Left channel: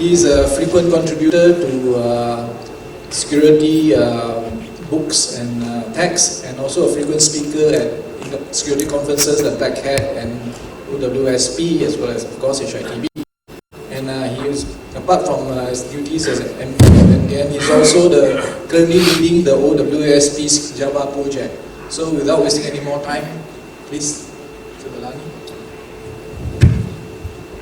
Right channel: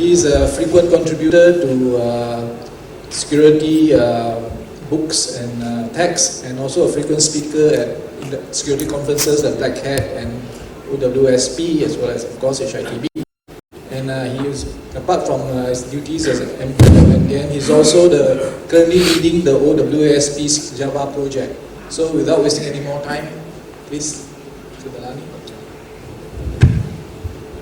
He's a frequent contributor to security books and texts, and also a frequent speaker at security conferences like Black Hat and OWSP, as well as, of course, HITB. And he is, apart from his duties as an MP, and then he's also currently leading the OWSP's Java project. So without wasting any more time, please, Mr. Belani.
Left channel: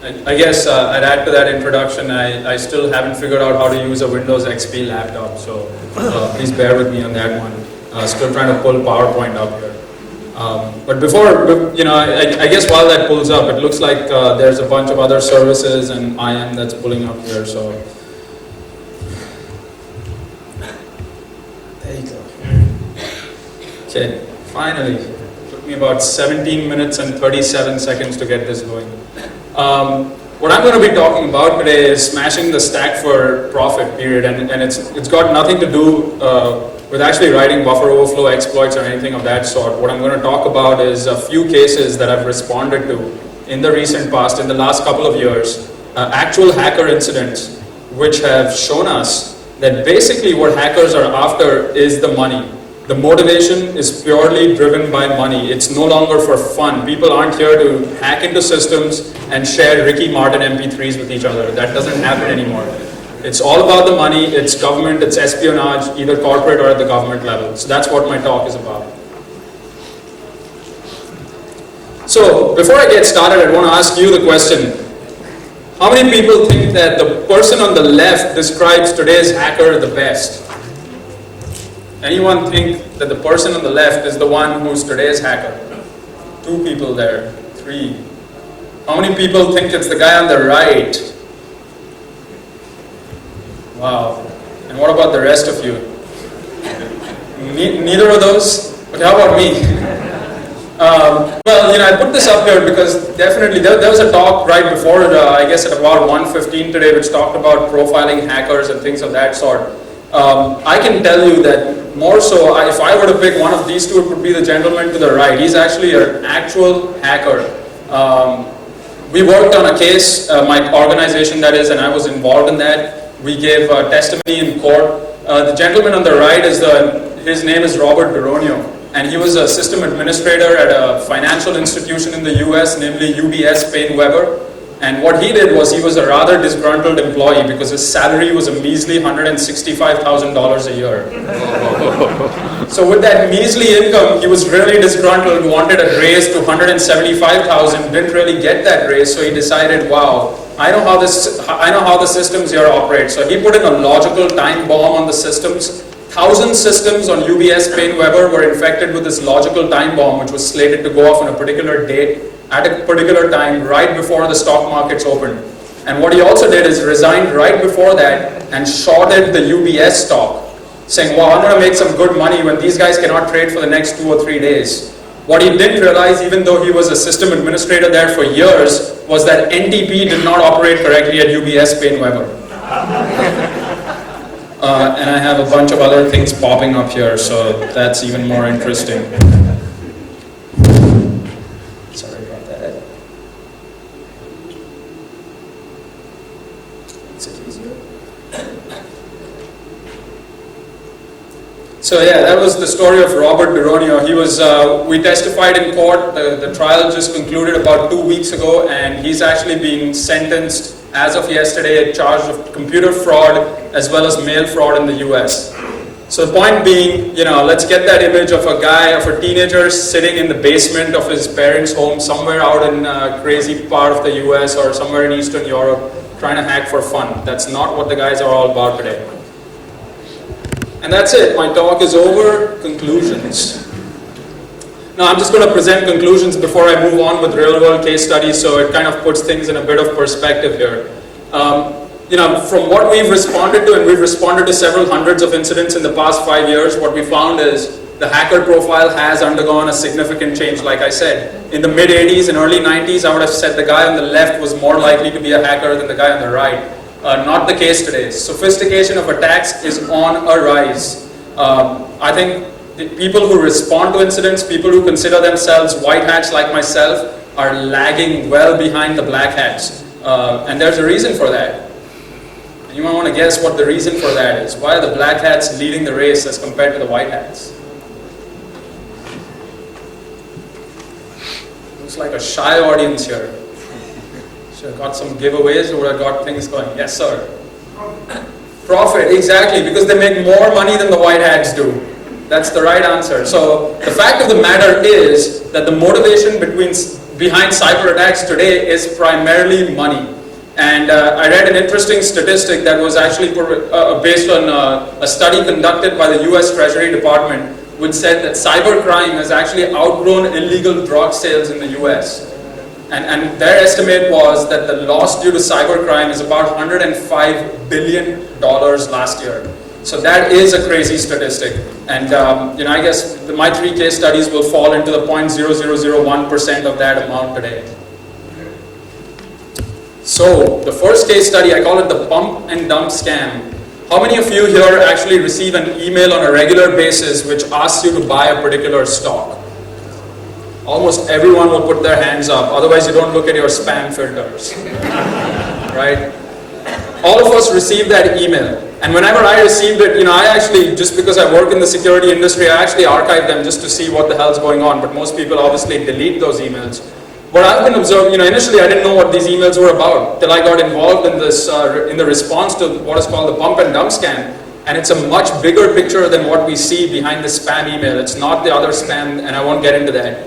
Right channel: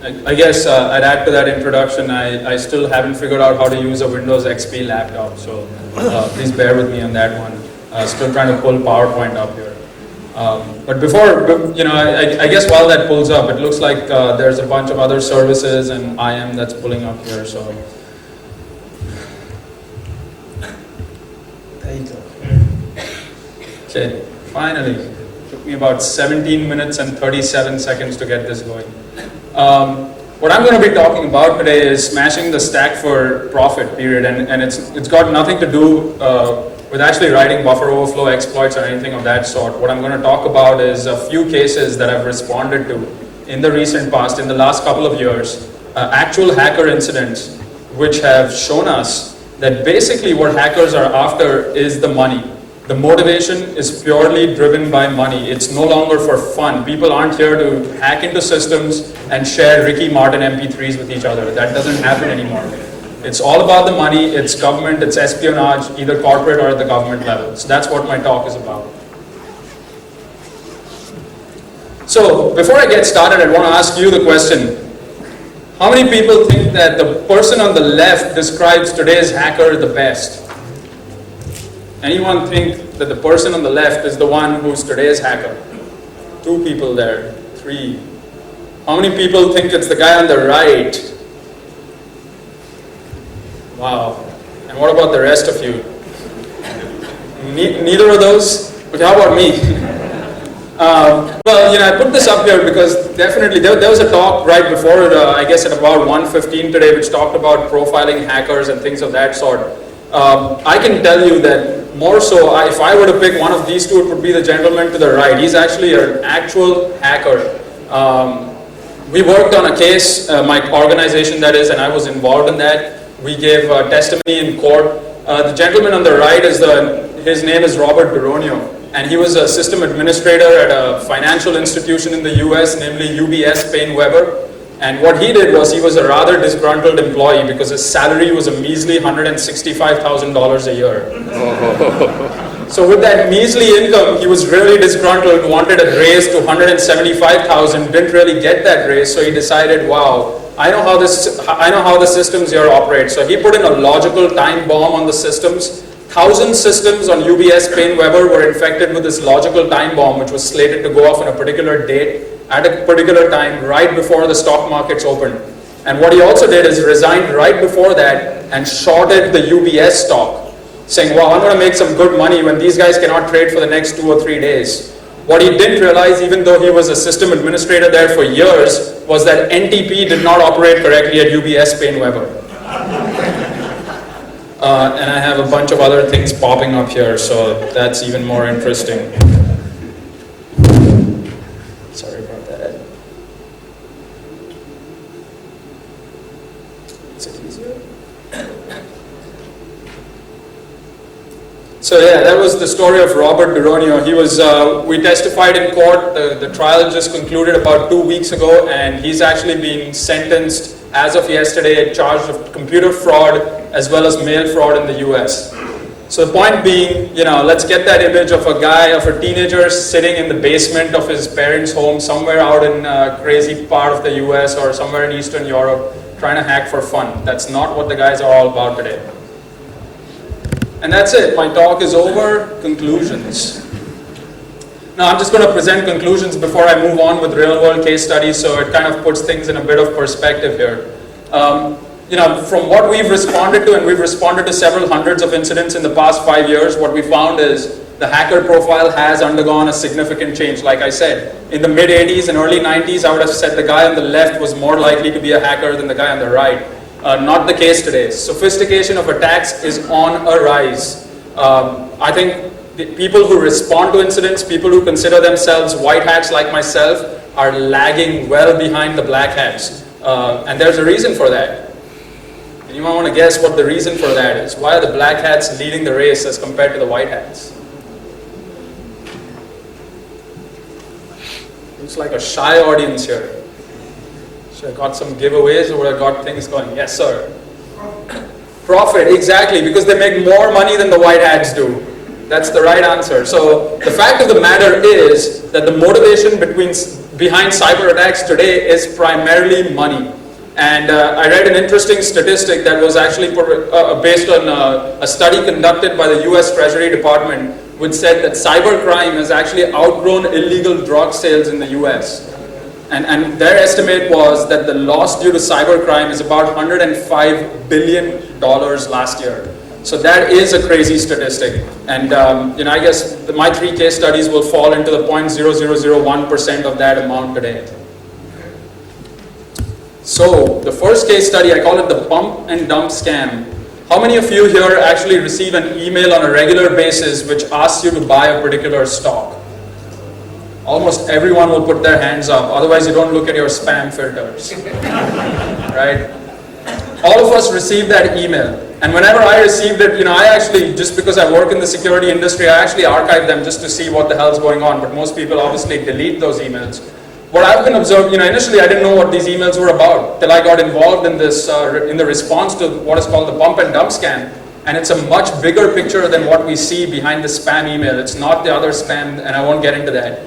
I guess I'd add to that introduction, I still haven't figured out how to use a Windows XP laptop, so please bear with me on that one. Still trying to pull PowerPoint up here. But before, I guess while that pulls up, it looks like there's a bunch of other services and IM that's pulling up here, so. There you go. Okay, finally. Took me about 17 minutes and 37 seconds to get this going. What I'm going to be talking about today is smashing the stack for profit period, and it's got nothing to do with actually writing buffer overflow exploits or anything of that sort. What I'm going to talk about is a few cases that I've responded to in the recent past, in the last couple of years, actual hacker incidents which have shown us that basically what hackers are after is the money. The motivation is purely driven by money. It's no longer for fun. People aren't here to hack into systems and share Ricky Martin MP3s with each other. That doesn't happen anymore. It's all about the money, it's government, it's espionage, either corporate or at the government level. So that's what my talk is about. So before I get started, I want to ask you the question. How many people think that the person on the left describes today's hacker the best? Anyone think that the person on the left is the one who's today's hacker? 2 people there, 3. How many people think it's the guy on the right? Wow. And what about the rest of you? Neither of those? But how about me? Well, I put this up here because definitely there was a talk right before, I guess at about 1:15 today, which talked about profiling hackers and things of that sort. I can tell you that more so, if I were to pick one of these two, it would be the gentleman to the right. He's actually an actual hacker. We worked on a case, my organization that is, and I was involved in that. We gave testimony in court. The gentleman on the right his name is Rohyt Belani, and he was a system administrator at a financial institution in the US, namely UBS Paine Webber. And what he did was he was a rather disgruntled employee because his salary was a measly $165,000 a year. So with that measly income, he was really disgruntled, wanted a raise to $175,000, didn't really get that raise, so he decided, wow, I know how the systems here operate. So he put in a logical time bomb on the systems. 1,000 systems on UBS Paine Webber were infected with this logical time bomb, which was slated to go off on a particular date at a particular time right before the stock markets opened. And what he also did is resigned right before that and shorted the UBS stock, saying, well, I'm going to make some good money when these guys cannot trade for the next 2 or 3 days. What he didn't realize, even though he was a system administrator there for years, was that NTP did not operate correctly at UBS Paine Webber. And I have a bunch of other things popping up here, so that's even more interesting. Sorry about that. Is it easier? So yeah, that was the story of Rohyt Belani. He was, we testified in court. The trial just concluded about 2 weeks ago, and he's actually being sentenced as of yesterday, charged of computer fraud as well as mail fraud in the US. So the point being, let's get that image of a teenager sitting in the basement of his parents' home somewhere out in a crazy part of the US or somewhere in Eastern Europe trying to hack for fun. That's not what the guys are all about today. And that's it. My talk is over. Conclusions. Now I'm just going to present conclusions before I move on with real-world case studies, so it kind of puts things in a bit of perspective here. From what we've responded to, and we've responded to several hundreds of incidents in the past 5 years, what we found is the hacker profile has undergone a significant change. Like I said, in the mid-80s and early 90s, I would have said the guy on the left was more likely to be a hacker than the guy on the right. Not the case today. Sophistication of attacks is on a rise. I think the people who respond to incidents, people who consider themselves white hats like myself, are lagging well behind the black hats. And there's a reason for that. Anyone want to guess what the reason for that is? Why are the black hats leading the race as compared to the white hats? Looks like a shy audience here. Should I got some giveaways or I got things going? Yes, sir. Profit, exactly, because they make more money than the white hats do. That's the right answer. So the fact of the matter is that the motivation behind cyber attacks today is primarily money. And I read an interesting statistic that was actually based on a study conducted by the US Treasury Department, which said that cybercrime has actually outgrown illegal drug sales in the US. And their estimate was that the loss due to cybercrime is about $105 billion last year. So that is a crazy statistic. And I guess my 3 case studies will fall into the 0.0001% of that amount today. So the first case study, I call it the pump and dump scam. How many of you here actually receive an email on a regular basis which asks you to buy a particular stock? Almost everyone will put their hands up, otherwise you don't look at your spam filters, right? All of us receive that email. And whenever I received it, I actually, just because I work in the security industry, I actually archive them just to see what the hell's going on. But most people obviously delete those emails. What I've been observing, initially I didn't know what these emails were about till I got involved in this, in the response to what is called the pump and dump scam. And it's a much bigger picture than what we see behind the spam email. It's not the other spam, and I won't get into that.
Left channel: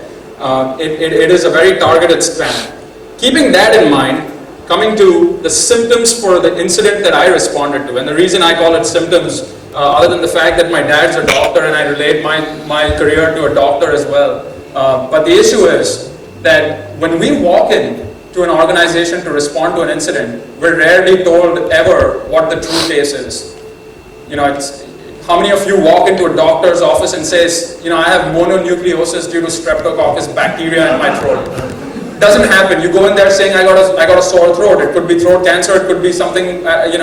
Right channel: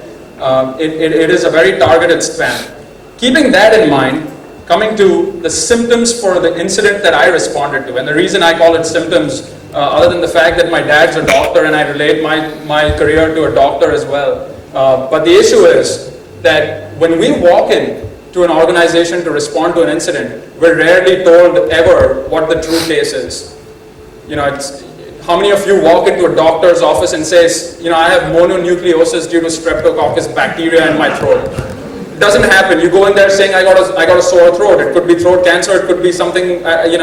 It is a very targeted spam. Keeping that in mind, coming to the symptoms for the incident that I responded to, and the reason I call it symptoms, other than the fact that my dad's a doctor and I relate my career to a doctor as well. But the issue is that when we walk in to an organization to respond to an incident, we're rarely told ever what the true case is. How many of you walk into a doctor's office and says, I have mononucleosis due to streptococcus bacteria in my throat? It doesn't happen. You go in there saying, I got a sore throat. It could be throat cancer. It could be something,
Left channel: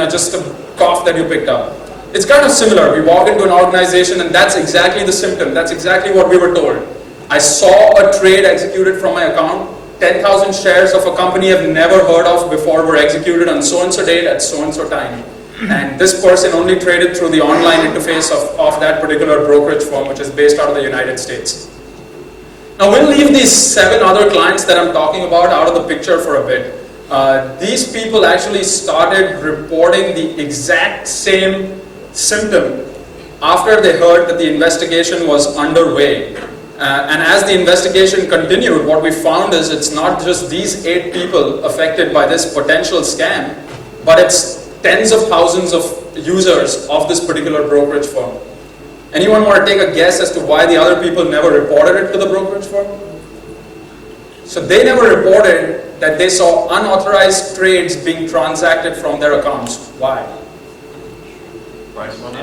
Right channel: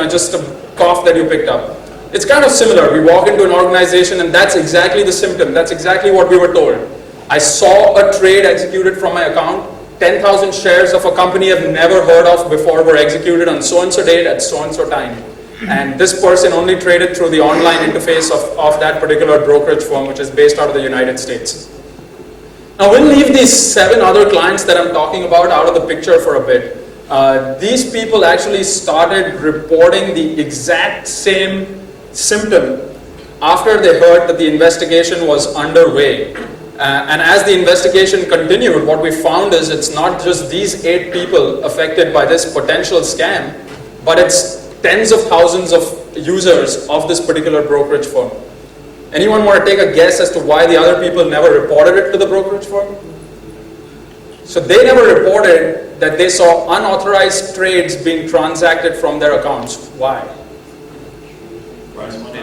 just a cough that you picked up. It's kind of similar. We walk into an organization and that's exactly the symptom. That's exactly what we were told. I saw a trade executed from my account. 10,000 shares of a company I've never heard of before were executed on so-and-so date at so-and-so time. And this person only traded through the online interface of that particular brokerage firm, which is based out of the United States. Now we'll leave these 7 other clients that I'm talking about out of the picture for a bit. These people actually started reporting the exact same symptom after they heard that the investigation was underway. And as the investigation continued, what we found is it's not just these 8 people affected by this potential scam, but it's tens of thousands of users of this particular brokerage firm. Anyone want to take a guess as to why the other people never reported it to the brokerage firm? So they never reported that they saw unauthorized trades being transacted from their accounts. Why? Price money.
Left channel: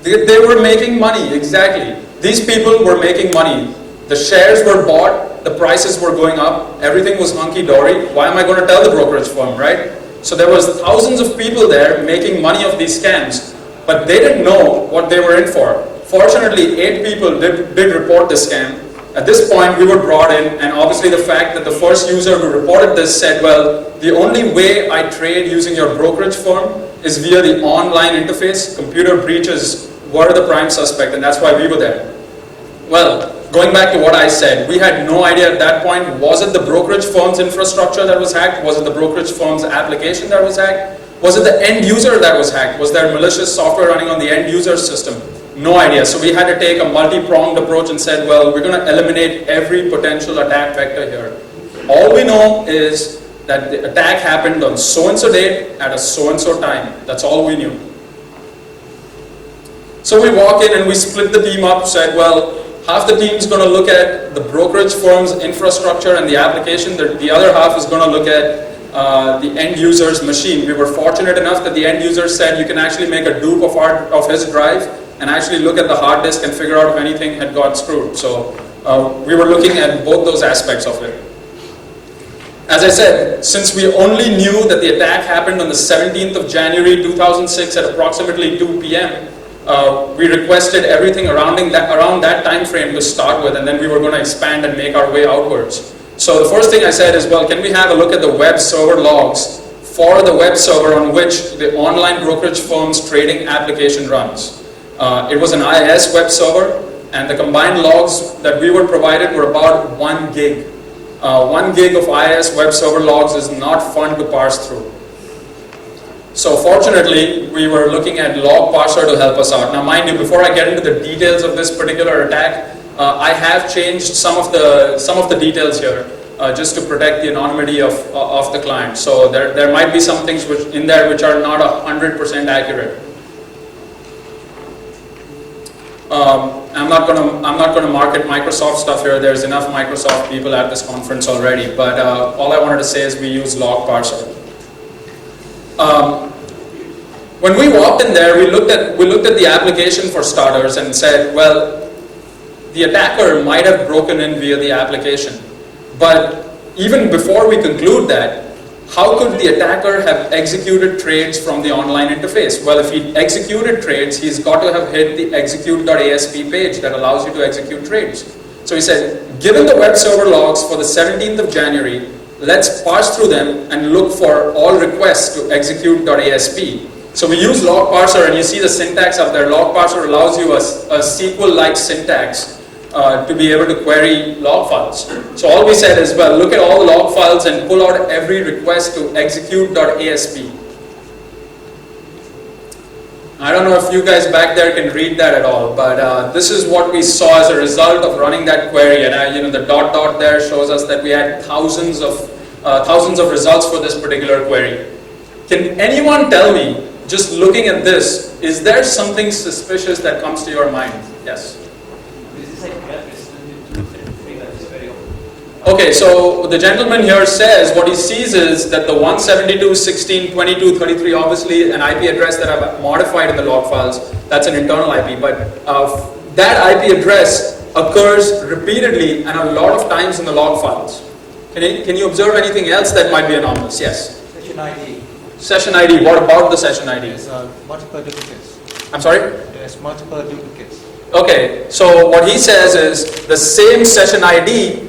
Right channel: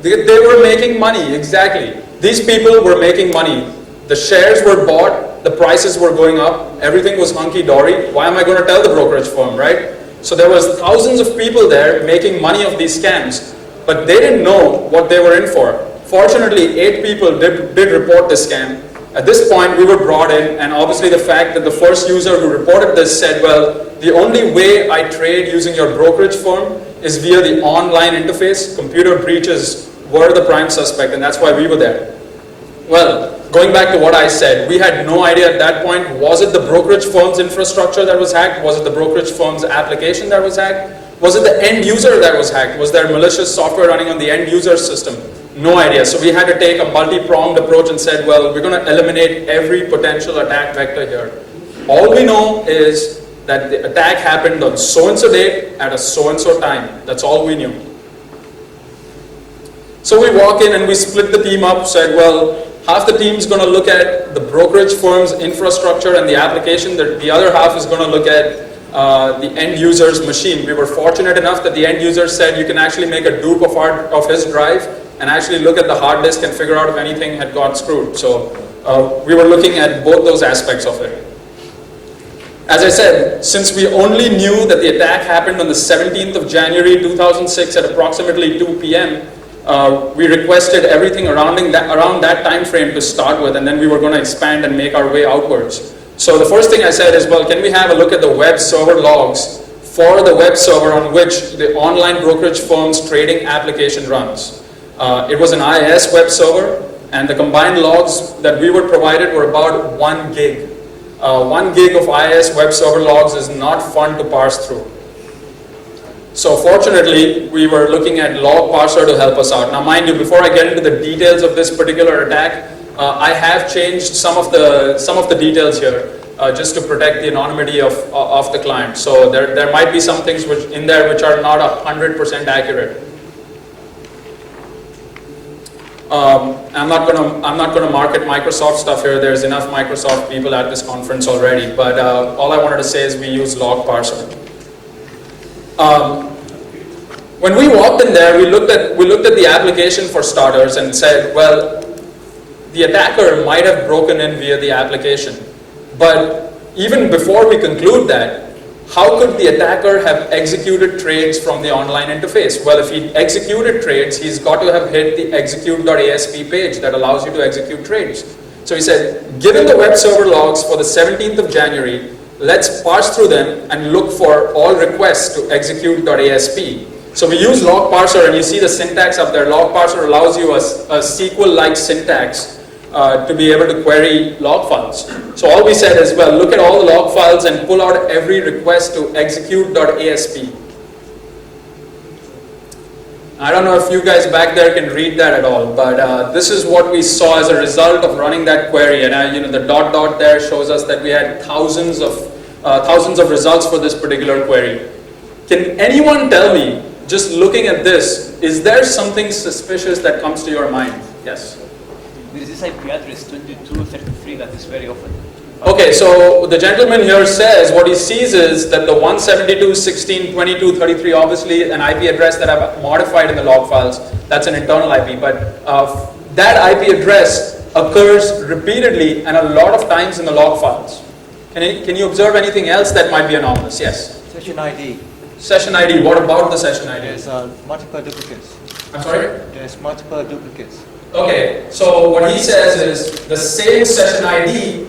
They were making money, exactly. These people were making money. The shares were bought, the prices were going up, everything was hunky-dory. Why am I going to tell the brokerage firm, right? So there was thousands of people there making money of these scams, but they didn't know what they were in for. Fortunately, 8 people did report this scam. At this point, we were brought in, and obviously the fact that the first user who reported this said, well, the only way I trade using your brokerage firm is via the online interface. Computer breaches were the prime suspect, and that's why we were there. Well, going back to what I said, we had no idea at that point, was it the brokerage firm's infrastructure that was hacked? Was it the brokerage firm's application that was hacked? Was it the end user that was hacked? Was there malicious software running on the end user system? No idea. So we had to take a multi-pronged approach and said, well, we're going to eliminate every potential attack vector here. All we know is that the attack happened on so-and-so date at a so-and-so time. That's all we knew. So we walk in and we split the team up, said, well, half the team's going to look at the brokerage firm's infrastructure and the application. The other half is going to look at the end user's machine. We were fortunate enough that the end user said you can actually make a dupe of his drive and actually look at the hard disk and figure out if anything had got screwed. So we were looking at both those aspects of it. As I said, since we only knew that the attack happened on the 17th of January 2006 at approximately 2 p.m., we requested everything around that time frame to start with, and then we were going to expand and make our way outwards. So the first thing I said is, well, can we have a look at the web server logs for the web server on which the online brokerage firm's trading application runs. It was an IIS web server, and the combined logs that we were provided were about 1 gig. 1 gig of IIS web server logs is not fun to parse through. So fortunately, we were looking at log parser to help us out. Now mind you, before I get into the details of this particular attack, I have changed some of the details here just to protect the anonymity of the client. So there might be some things in there which are not 100% accurate. I'm not gonna market Microsoft stuff here. There's enough Microsoft people at this conference already. But all I wanted to say is we use log parser. When we walked in there, we looked at the application for starters and said, well, the attacker might have broken in via the application. But even before we conclude that, how could the attacker have executed trades from the online interface? Well, if he executed trades, he's got to have hit the execute.asp page that allows you to execute trades. So he said, given the web server logs for the 17th of January, let's parse through them and look for all requests to execute.asp. So we use log parser, and you see the syntax up there. Log parser allows you a SQL-like syntax to be able to query log files. So all we said is, well, look at all the log files and pull out every request to execute.asp. I don't know if you guys back there can read that at all, but this is what we saw as a result of running that query. And the dot there shows us that we had thousands of results for this particular query. Can anyone tell me, just looking at this, is there something suspicious that comes to your mind? Yes. Okay, so the gentleman here says what he sees is that the 172.16.22.33, obviously an IP address that I've modified in the log files, that's an internal IP, but that IP address occurs repeatedly and a lot of times in the log files. Can you observe anything else that might be anomalous? Yes? Session ID. Session ID, what about the session ID? There's multiple duplicates. I'm sorry? There's multiple duplicates. Okay, so what he says is the same session ID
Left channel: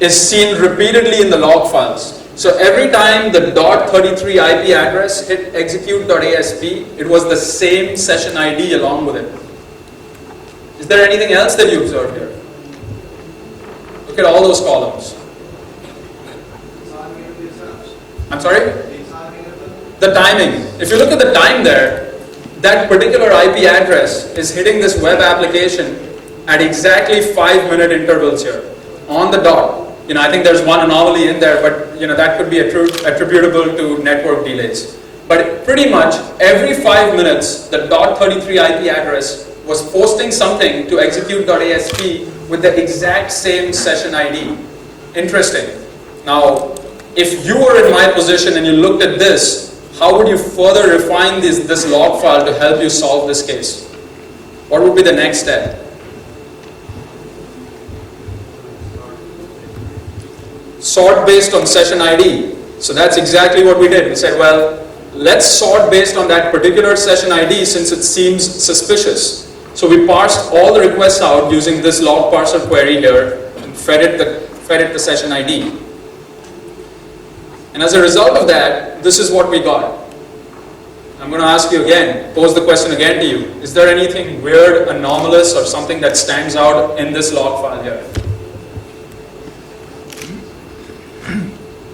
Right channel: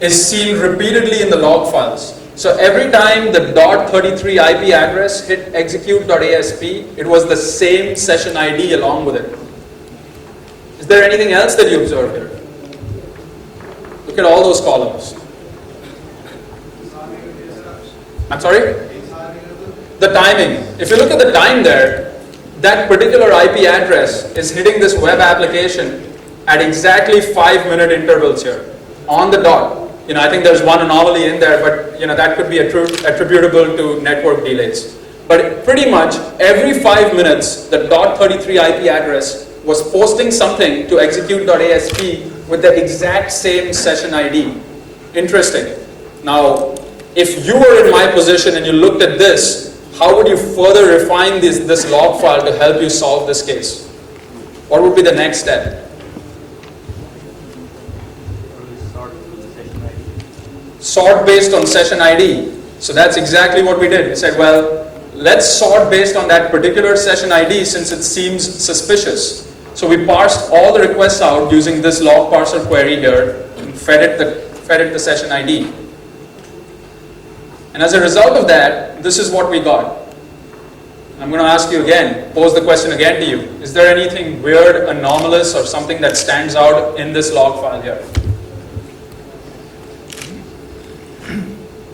is seen repeatedly in the log files. So every time the .33 IP address hit execute.asp, it was the same session ID along with it. Is there anything else that you observe here? Look at all those columns. I'm sorry? The timing. If you look at the time there, that particular IP address is hitting this web application at exactly 5-minute intervals here, on the dot. I think there's one anomaly in there, but that could be attributable to network delays. But pretty much every 5 minutes, the .33 IP address was posting something to execute.asp with the exact same session ID. Interesting. Now, if you were in my position and you looked at this, how would you further refine this log file to help you solve this case? What would be the next step? Sort based on session ID. So that's exactly what we did. We said, well, let's sort based on that particular session ID since it seems suspicious. So we parsed all the requests out using this log parser query here and fed it the session ID. And as a result of that, this is what we got. I'm going to ask you again, pose the question again to you. Is there anything weird, anomalous, or something that stands out in this log file here?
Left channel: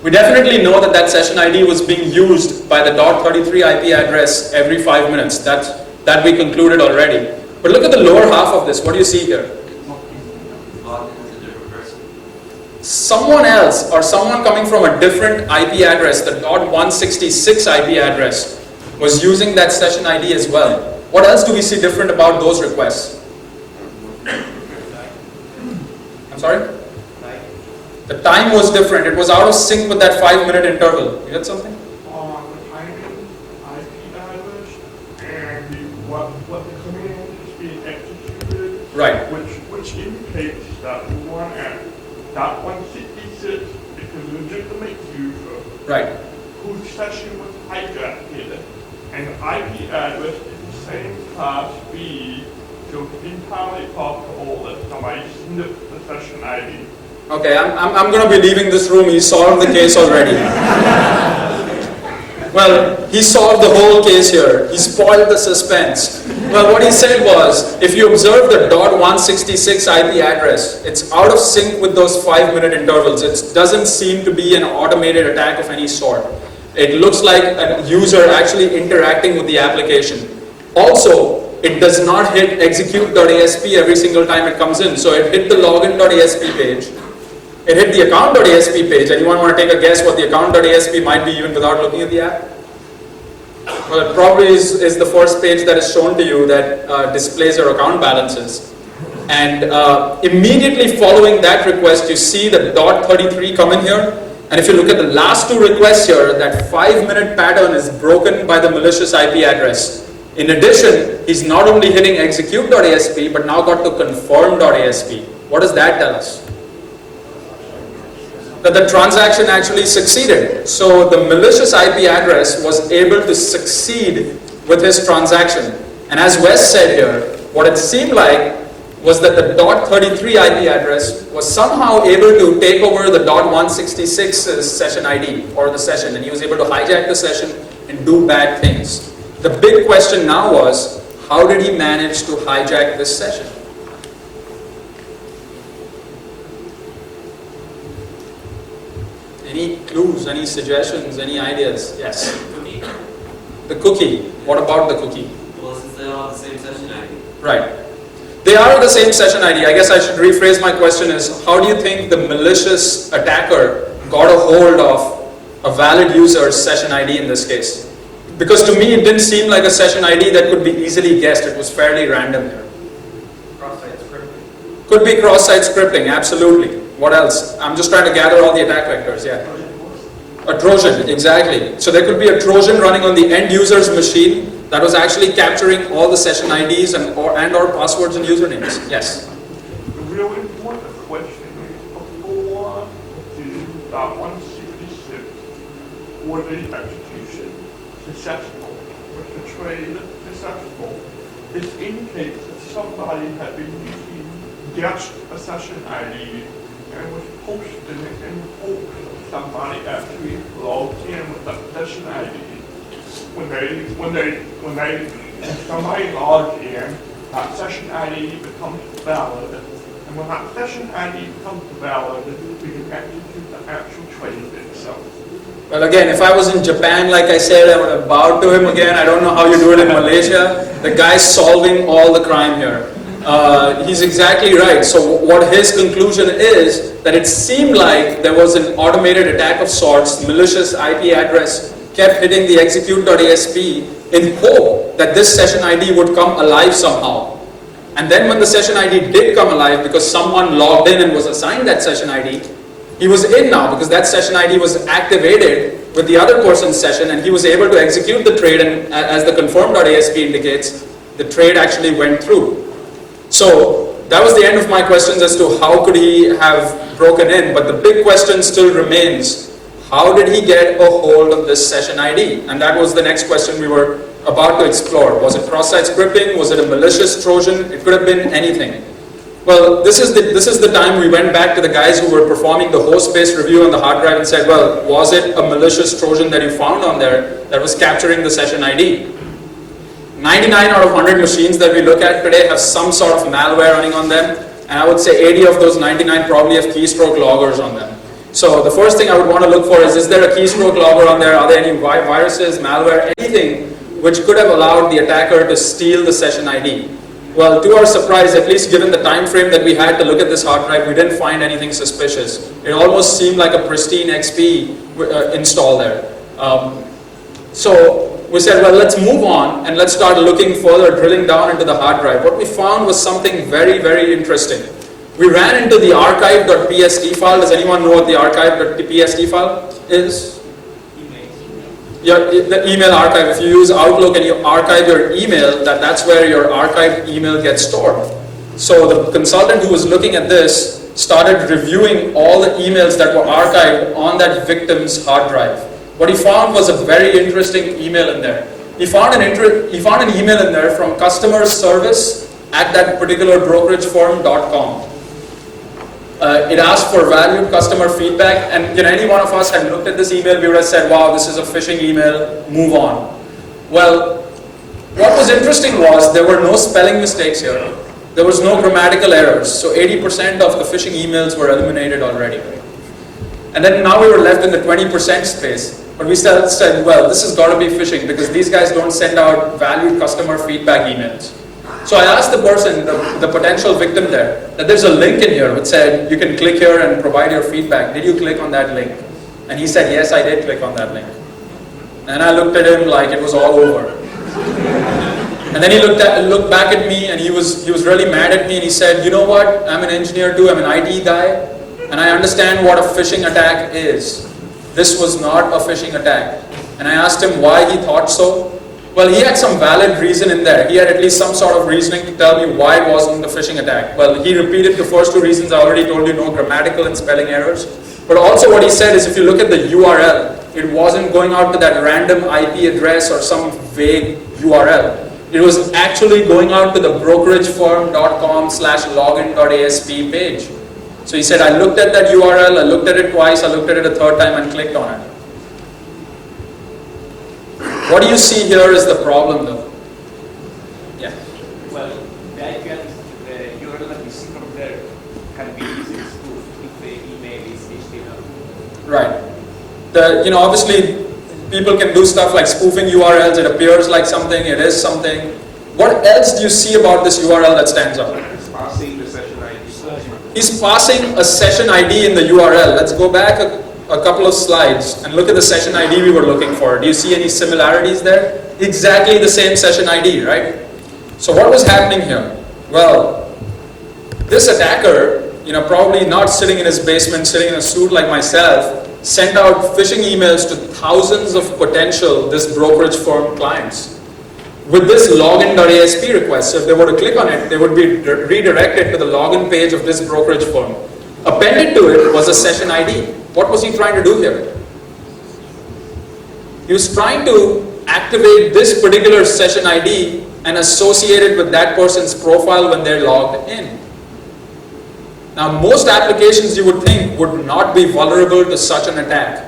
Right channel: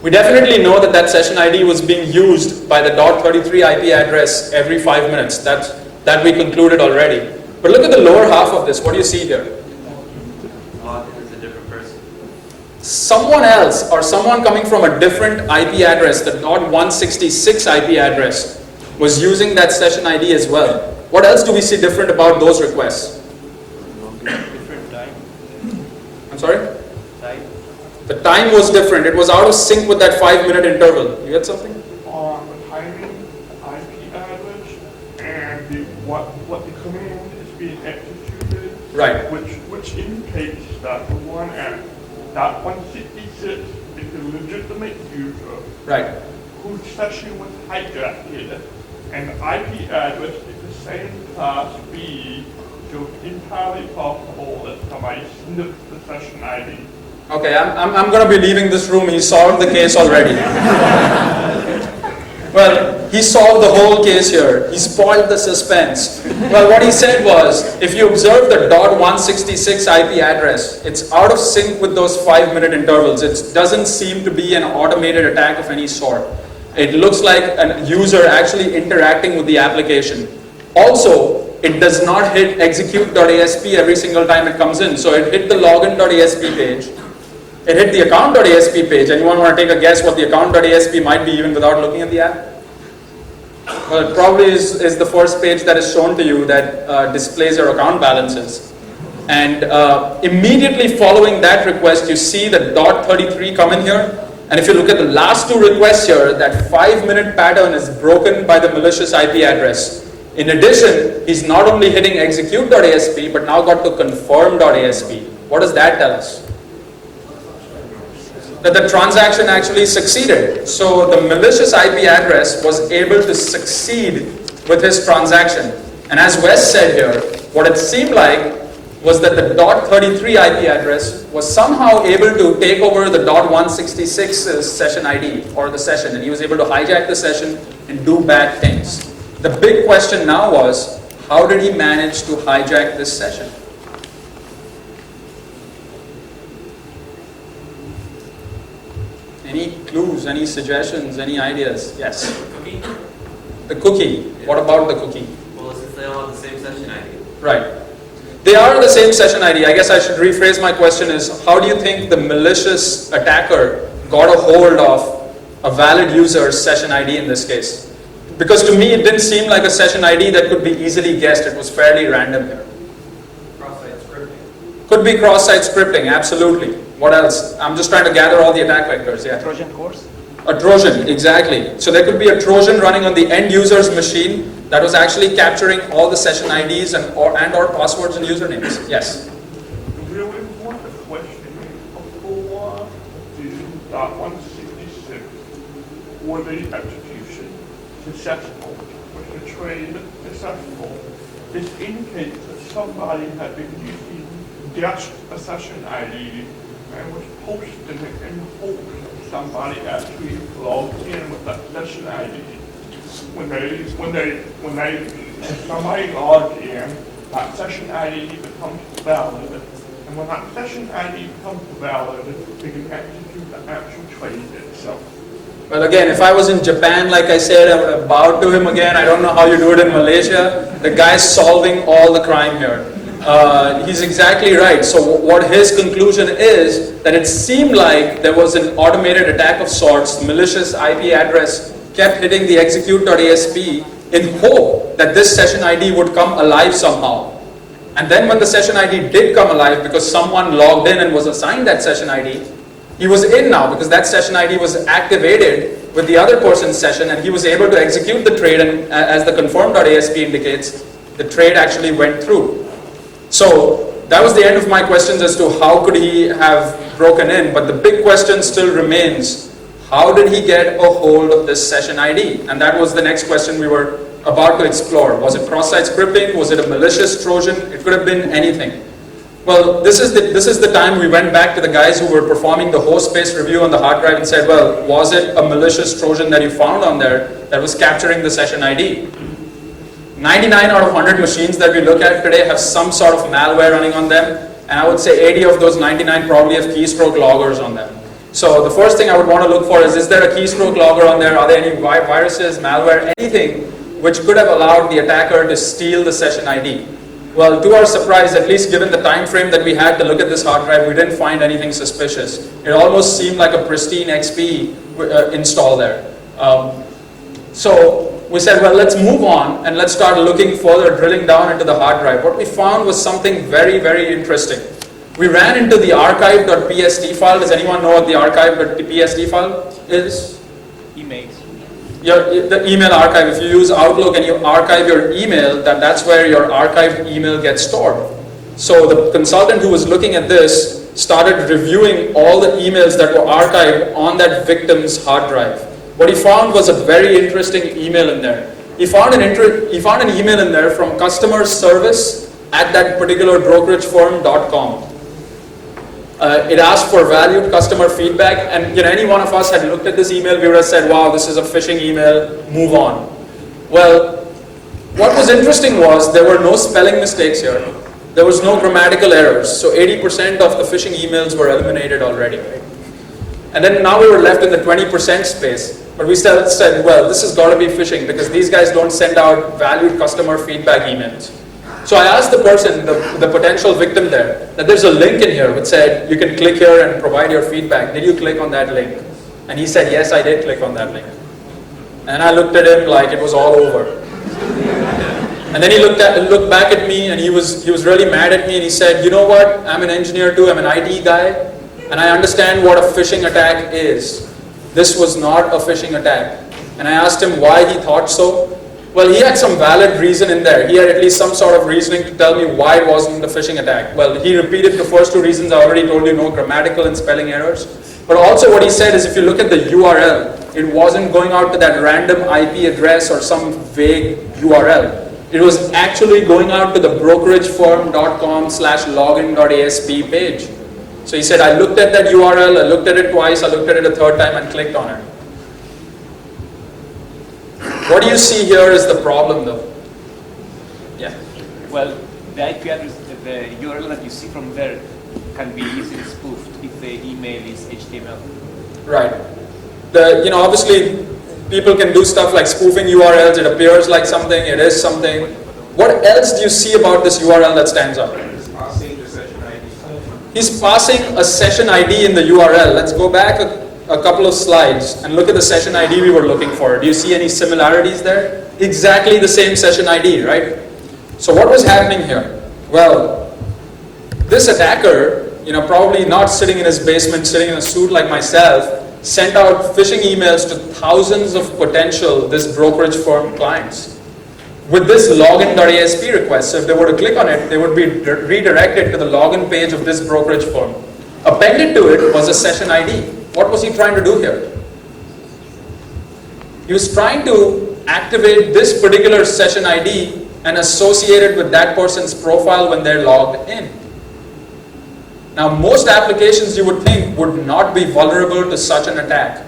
We definitely know that session ID was being used by the .33 IP address every 5 minutes. That we concluded already. But look at the lower half of this. What do you see here? Someone else or someone coming from a different IP address, the .166 IP address, was using that session ID as well. What else do we see different about those requests? I'm sorry? The time was different. It was out of sync with that 5-minute interval. You had something? On the timing, the IP address, and what the command is being executed. Right. Which indicates that the one at .166 is a legitimate user. Right. Whose session was hijacked, and the IP address is the same class B, so it's entirely possible that somebody sniffed the session ID. Okay, I'm going to be leaving this room. He solved the case already. Well, he solved the whole case here. He spoiled the suspense. Well, what he said was, if you observe the .166 IP address, it's out of sync with those 5-minute intervals. It doesn't seem to be an automated attack of any sort. It looks like a user actually interacting with the application. Also, it does not hit execute.asp every single time it comes in. So it hit the login.asp page. It hit the account.asp page. Anyone want to take a guess what the account.asp might be even without looking at the app? Well, it probably is the first page that is shown to you that displays your account balances. And immediately following that request, you see the .33 come in here. And if you look at the last two requests here, that 5-minute pattern is broken by the malicious IP address. In addition, he's not only hitting execute.asp, but now got to confirm.asp. What does that tell us? That the transaction actually succeeded. So the malicious IP address was able to succeed with his transaction. And as Wes said here, what it seemed like was that the .33 IP address was somehow able to take over the .166 session ID or the session, and he was able to hijack the session and do bad things. The big question now was, how did he manage to hijack this session? Any clues, any suggestions, any ideas? Yes? Cookie? The cookie. What about the cookie? Well, since they all have the same session ID. Right. They are the same session ID. I guess I should rephrase my question is, how do you think the malicious attacker got a hold of a valid user's session ID in this case? Because to me, it didn't seem like a session ID that could be easily guessed. It was fairly random here. Could be cross-site scripting, absolutely. What else? I'm just trying to gather all the attack vectors, yeah. Trojan horse? A Trojan, exactly. So there could be a Trojan running on the end user's machine that was actually capturing all the session IDs and or passwords and usernames. Yes? The real important question is, before the .166 or the execution successful, was the trade successful, this indicates that somebody had been using guessed a session ID and was posting it in hopes of somebody actually logged in with that session ID. When somebody logs in, that session ID becomes valid, and when that session ID becomes valid, we can execute the actual trade itself. Well, again, if I was in Japan, like I said, I would have bowed to him again. I don't know how you do it in Malaysia. The guy's solving all the crime here. He's exactly right. So what his conclusion is, that it seemed like there was an automated attack of sorts, malicious IP address kept hitting the execute.asp in hope that this session ID would come alive somehow. And then when the session ID did come alive, because someone logged in and was assigned that session ID, he was in now because that session ID was activated with the other person's session, and he was able to execute the trade, and as the confirm.asp indicates, the trade actually went through. So that was the end of my questions as to how could he have broken in, but the big question still remains, how did he get a hold of this session ID? And that was the next question we were about to explore. Was it cross-site scripting? Was it a malicious Trojan? It could have been anything. Well, this is the time we went back to the guys who were performing the host-based review on the hard drive and said, well, was it a malicious Trojan that you found on there that was capturing the session ID? 99 out of 100 machines that we look at today have some sort of malware running on them, and I would say 80 of those 99 probably have keystroke loggers on them. So the first thing I would want to look for is there a keystroke logger on there? Are there any viruses, malware, anything which could have allowed the attacker to steal the session ID? Well, to our surprise, at least given the time frame that we had to look at this hard drive, we didn't find anything suspicious. It almost seemed like a pristine XP install there. So we said, well, let's move on and let's start looking further, drilling down into the hard drive. What we found was something very, very interesting. We ran into the archive.psd file. Does anyone know what the archive.psd file is? The email archive. If you use Outlook and you archive your email, that's where your archived email gets stored. So the consultant who was looking at this started reviewing all the emails that were archived on that victim's hard drive. What he found was a very interesting email in there. He found an email in there from customer service at that particular brokerage firm.com. It asked for valued customer feedback, and any one of us had looked at this email, we would have said, wow, this is a phishing email, move on. Well, what was interesting was there were no spelling mistakes here. There was no grammatical errors. So 80% of the phishing emails were eliminated already, right? And then now we were left in the 20% space. But we still said, well, this has got to be phishing because these guys don't send out valued customer feedback emails. So I asked the person, the potential victim there, that there's a link in here which said you can click here and provide your feedback. Did you click on that link? And he said, yes, I did click on that link. And I looked at him like it was all over. And then he looked back at me and he was really mad at me and he said, you know what, I'm an engineer too, I'm an IT guy, and I understand what a phishing attack is. This was not a phishing attack. And I asked him why he thought so. Well, he had some valid reason in there. He had at least some sort of reasoning to tell me why it wasn't a phishing attack. Well, he repeated the first two reasons I already told you, no grammatical and spelling errors. But also what he said is if you look at the URL, it wasn't going out to that random IP address or some vague URL. It was actually going out to the brokeragefirm.com/login.asp page. So he said, I looked at that URL, I looked at it twice, I looked at it a third time and clicked on it. What do you see here is the problem though? Yeah. Well, that can, the URL that you see from there can be easily spoofed if the email is HTML. Right. Obviously people can do stuff like spoofing URLs, it appears like something, it is something. What else do you see about this URL that stands out? It's passing the session ID. He's passing a session ID in the URL. Let's go back a couple of slides and look at the session ID we were looking for. Do you see any similarities there? Exactly the same session ID, right? So what was happening here? Well, this attacker, probably not sitting in his basement, sitting in a suit like myself, sent out phishing emails to thousands of potential this brokerage firm clients with this login.asp request. So if they were to click on it, they would be redirected to the login page of this brokerage firm. Appended to it was a session ID. What was he trying to do here? He was trying to activate this particular session ID and associate it with that person's profile when they're logged in. Now, most applications you would think would not be vulnerable to such an attack.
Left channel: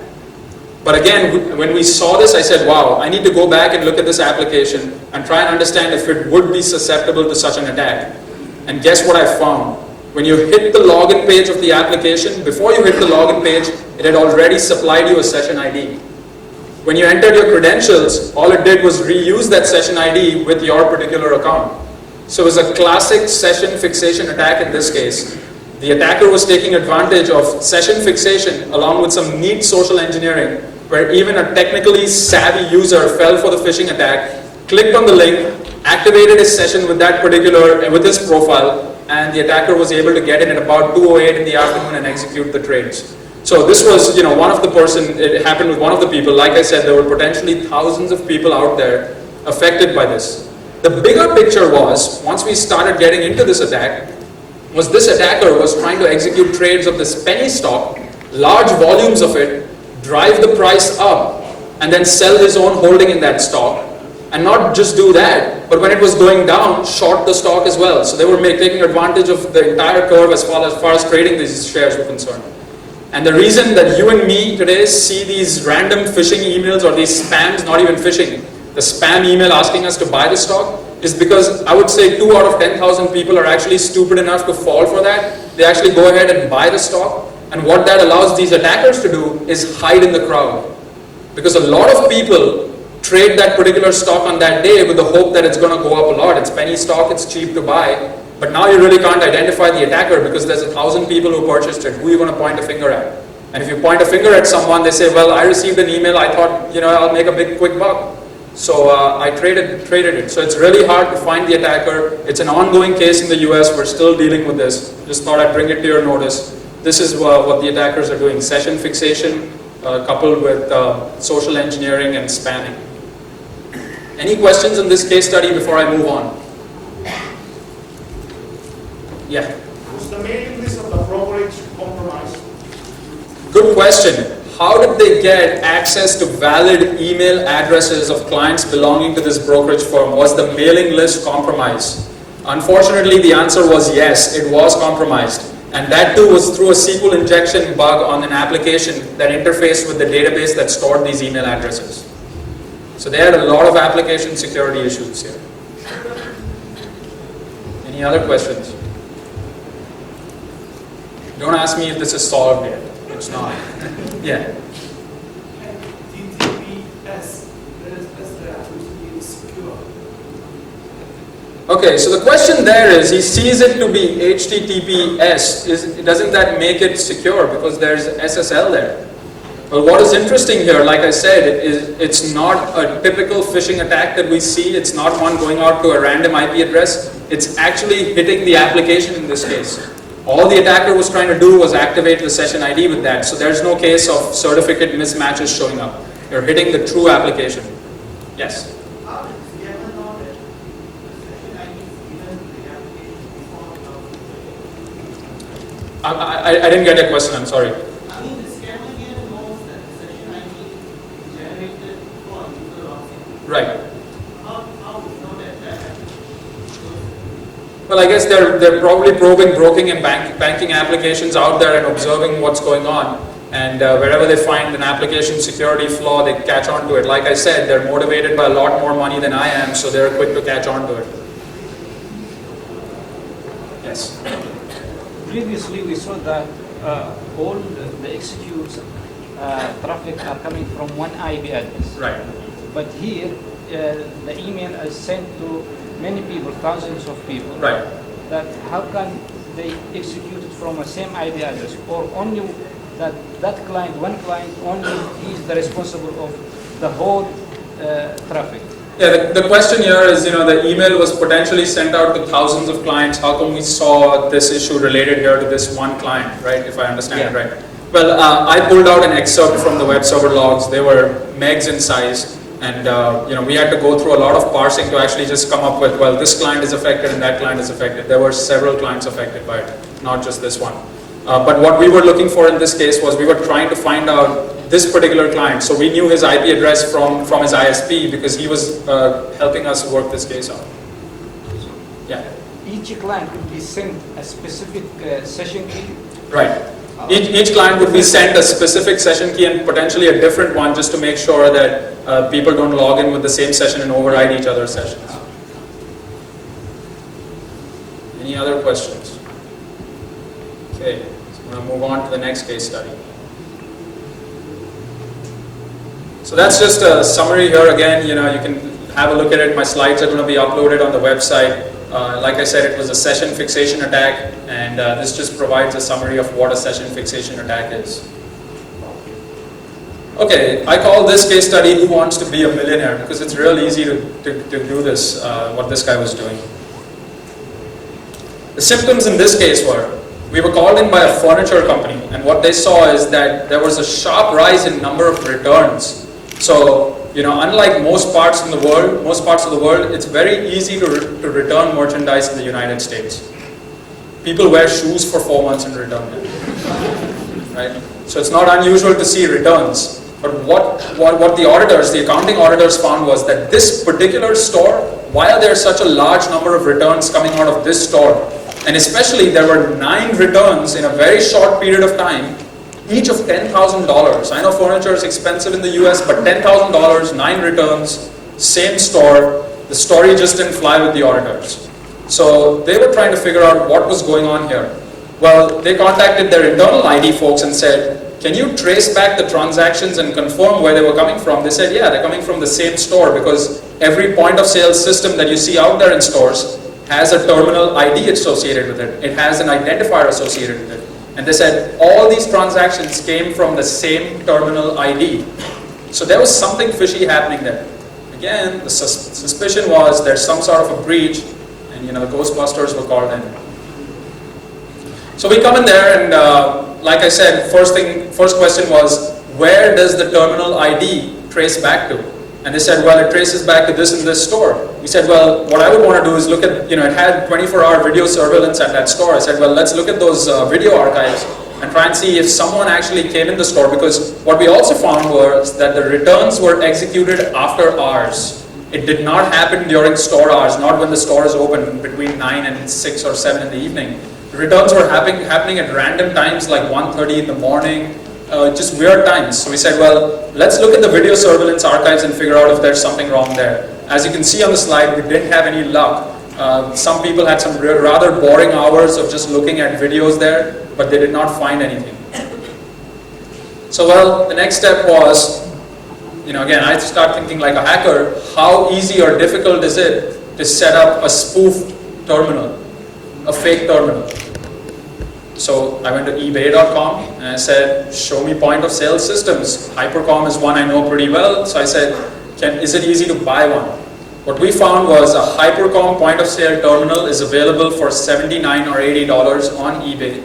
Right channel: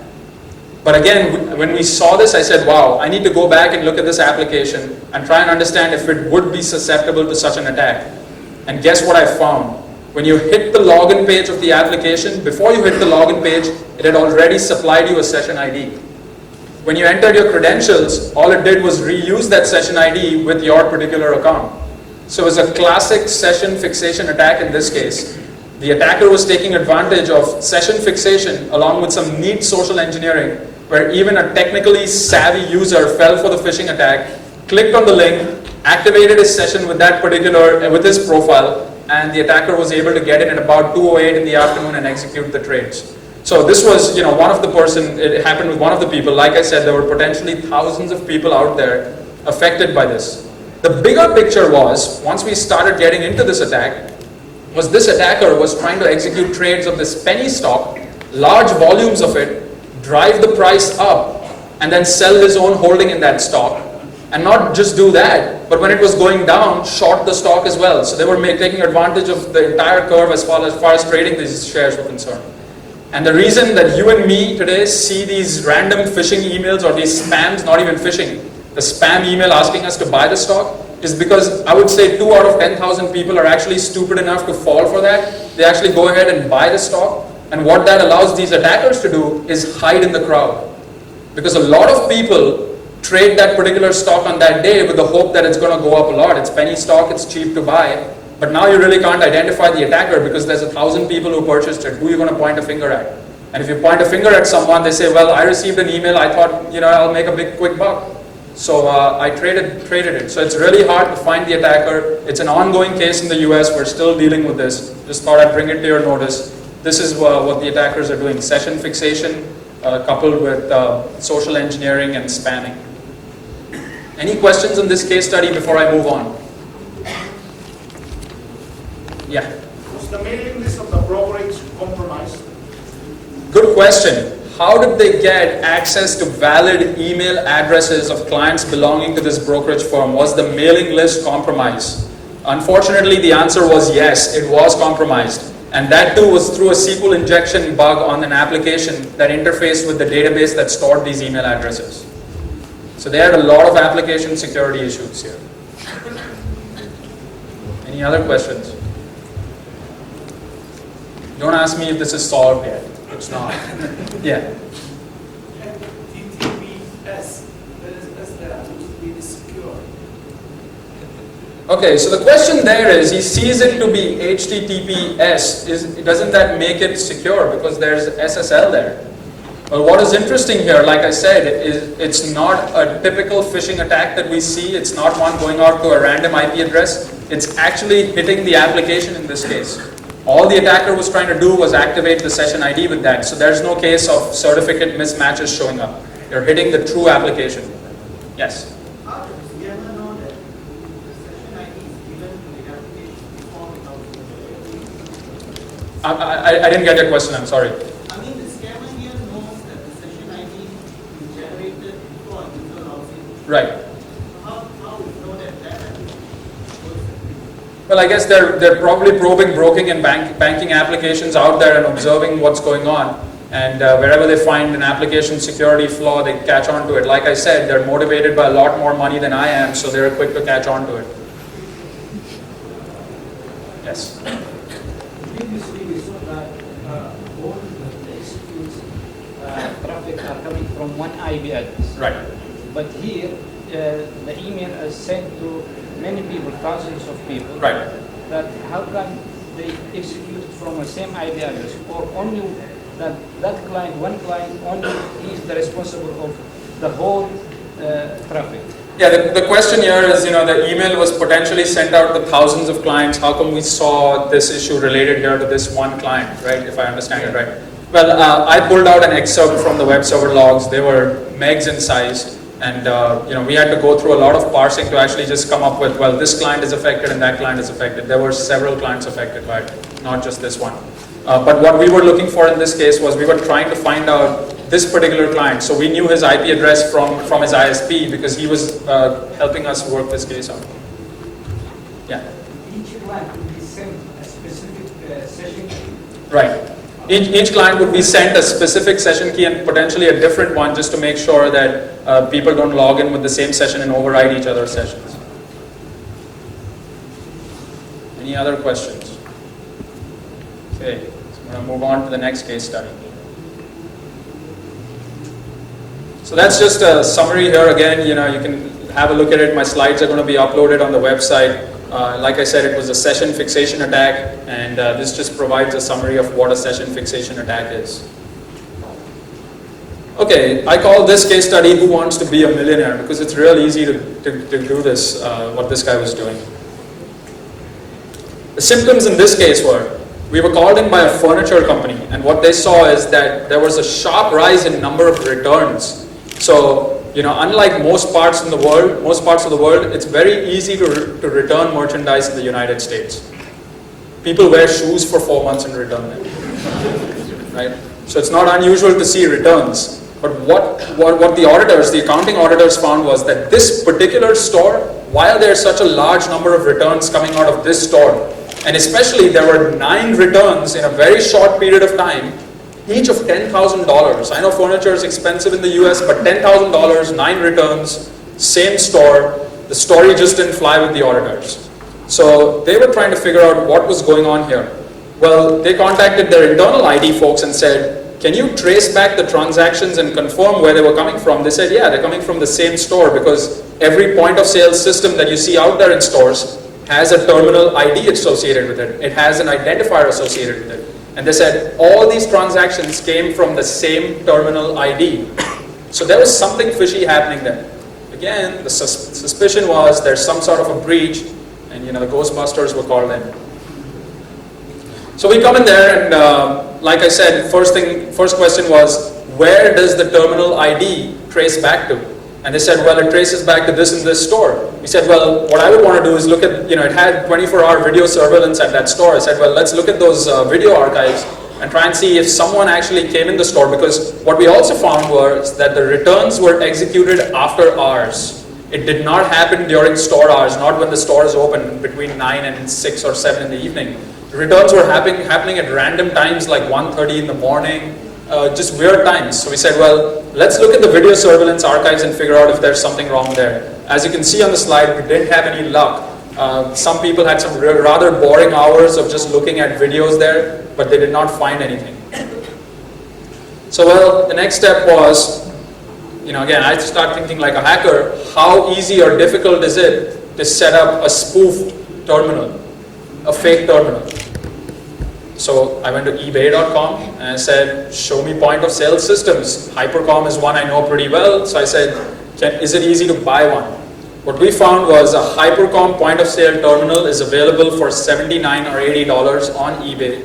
But again, when we saw this, I said, wow, I need to go back and look at this application and try and understand if it would be susceptible to such an attack. And guess what I found? When you hit the login page of the application, before you hit the login page, it had already supplied you a session ID. When you entered your credentials, all it did was reuse that session ID with your particular account. So it was a classic session fixation attack in this case. The attacker was taking advantage of session fixation along with some neat social engineering where even a technically savvy user fell for the phishing attack, clicked on the link, activated his session with with his profile, and the attacker was able to get in at about 2:08 in the afternoon and execute the trades. So this was, one of the it happened with one of the people. Like I said, there were potentially thousands of people out there affected by this. The bigger picture was, once we started getting into this attack, was this attacker was trying to execute trades of this penny stock, large volumes of it, drive the price up, and then sell his own holding in that stock. And not just do that, but when it was going down, short the stock as well. So they were taking advantage of the entire curve as far as trading these shares were concerned. And the reason that you and me today see these random phishing emails or these spams, not even phishing, the spam email asking us to buy the stock, is because I would say 2 out of 10,000 people are actually stupid enough to fall for that. They actually go ahead and buy the stock. And what that allows these attackers to do is hide in the crowd. Because a lot of people trade that particular stock on that day with the hope that it's going to go up a lot. It's penny stock, it's cheap to buy. But now you really can't identify the attacker because there's 1,000 people who purchased it. Who are you going to point a finger at? And if you point a finger at someone, they say, well, I received an email, I thought, I'll make a big quick buck. So I traded it. So it's really hard to find the attacker. It's an ongoing case in the US. We're still dealing with this. Just thought I'd bring it to your notice. This is what the attackers are doing. Session fixation coupled with social engineering and spamming. Any questions on this case study before I move on? Yeah. The mailing list of the brokers compromised. Good question. How did they get access to valid email addresses of clients belonging to this brokerage firm? Was the mailing list compromised? Unfortunately, the answer was yes, it was compromised. And that too was through a SQL injection bug on an application that interfaced with the database that stored these email addresses. So they had a lot of application security issues here. Any other questions? Don't ask me if this is solved yet. It's not. Yeah. Okay, so the question there is, he sees it to be HTTPS. Doesn't that make it secure because there's SSL there? Well, what is interesting here, like I said, is it's not a typical phishing attack that we see. It's not one going out to a random IP address. It's actually hitting the application in this case. All the attacker was trying to do was activate the session ID with that. So there's no case of certificate mismatches showing up. You're hitting the true application. Yes? I didn't get your question, I'm sorry. Right. Well, I guess they're probably probing broking and banking applications out there and observing what's going on. And wherever they find an application security flaw, they catch on to it. Like I said, they're motivated by a lot more money than I am, so they're quick to catch on to it. Yes? Previously, we saw that all the executes traffic are coming from one IP address. Right. But here, the email is sent to many people, thousands of people. Right. That how can they execute it from the same IP address, or only that client, one client, only he is the responsible of the whole traffic? Yeah, the question here is, the email was potentially sent out to thousands of clients. How come we saw this issue related here to this one client, right? If I understand it right. Well, I pulled out an excerpt from the web server logs. They were megs in size. And we had to go through a lot of parsing to actually just come up with, well, this client is affected and that client is affected. There were several clients affected by it, not just this one. But what we were looking for in this case was we were trying to find out this particular client. So we knew his IP address from his ISP because he was helping us work this case out. Yeah. Each client will be sent a specific session key. Right. Each client would be sent a specific session key and potentially a different one just to make sure that people don't log in with the same session and override each other's sessions. Any other questions? Okay, so I'm going to move on to the next case study. So that's just a summary here again. You can have a look at it. My slides are going to be uploaded on the website. Like I said, it was a session fixation attack, and this just provides a summary of what a session fixation attack is. Okay, I call this case study Who Wants to Be a Millionaire, because it's real easy to do this, what this guy was doing. The symptoms in this case were, we were called in by a furniture company, and what they saw is that there was a sharp rise in number of returns. So, unlike most parts of the world, it's very easy to return merchandise in the United States. People wear shoes for 4 months and return them, right? So it's not unusual to see returns. But what the accounting auditors found was that this particular store, while there's such a large number of returns coming out of this store, and especially there were 9 returns in a very short period of time, each of $10,000. I know furniture is expensive in the US, but $10,000, 9 returns, same store. The story just didn't fly with the auditors. So they were trying to figure out what was going on here. Well, they contacted their internal ID folks and said, can you trace back the transactions and confirm where they were coming from? They said, yeah, they're coming from the same store because every point of sale system that you see out there in stores has a terminal ID associated with it. It has an identifier associated with it. And they said all these transactions came from the same terminal ID. So there was something fishy happening there. Again, the suspicion was there's some sort of a breach, and the Ghostbusters were called in. So we come in there, and like I said, first question was, where does the terminal ID trace back to? And they said, well, it traces back to this and this store. We said, well, what I would want to do is look at, it had 24-hour video surveillance at that store. I said, well, let's look at those video archives and try and see if someone actually came in the store, because what we also found was that the returns were executed after hours. It did not happen during store hours, not when the store is open between 9 and 6 or 7 in the evening. returns were happening at random times, like 1:30 in the morning, just weird times. So we said, well, let's look at the video surveillance archives and figure out if there's something wrong there. As you can see on the slide, we didn't have any luck. Some people had some rather boring hours of just looking at videos there, but they did not find anything. So well, the next step was, again, I start thinking like a hacker, how easy or difficult is it to set up a spoofed terminal, a fake terminal? So I went to ebay.com and I said, show me point of sale systems. Hypercom is one I know pretty well, so I said, is it easy to buy one? What we found was a Hypercom point of sale terminal is available for $79 or $80 on eBay.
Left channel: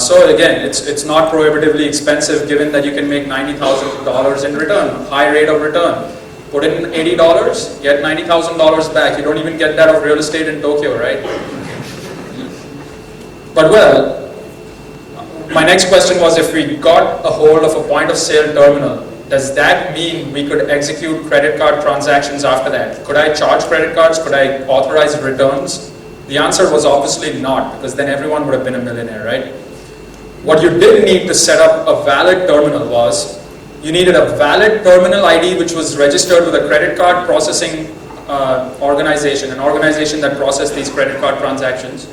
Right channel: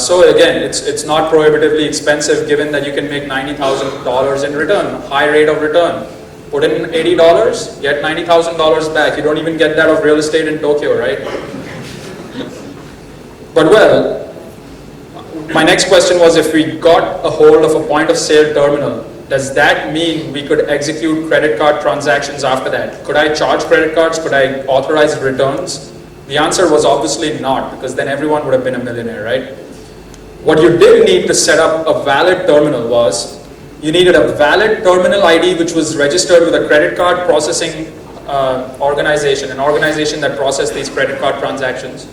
So again, it's not prohibitively expensive given that you can make $90,000 in return, high rate of return. Put in $80, get $90,000 back. You don't even get that of real estate in Tokyo, right? But well, my next question was, if we got a hold of a point of sale terminal, does that mean we could execute credit card transactions after that? Could I charge credit cards? Could I authorize returns? The answer was obviously not, because then everyone would have been a millionaire, right? What you did need to set up a valid terminal was, you needed a valid terminal ID which was registered with a credit card processing organization, an organization that processed these credit card transactions.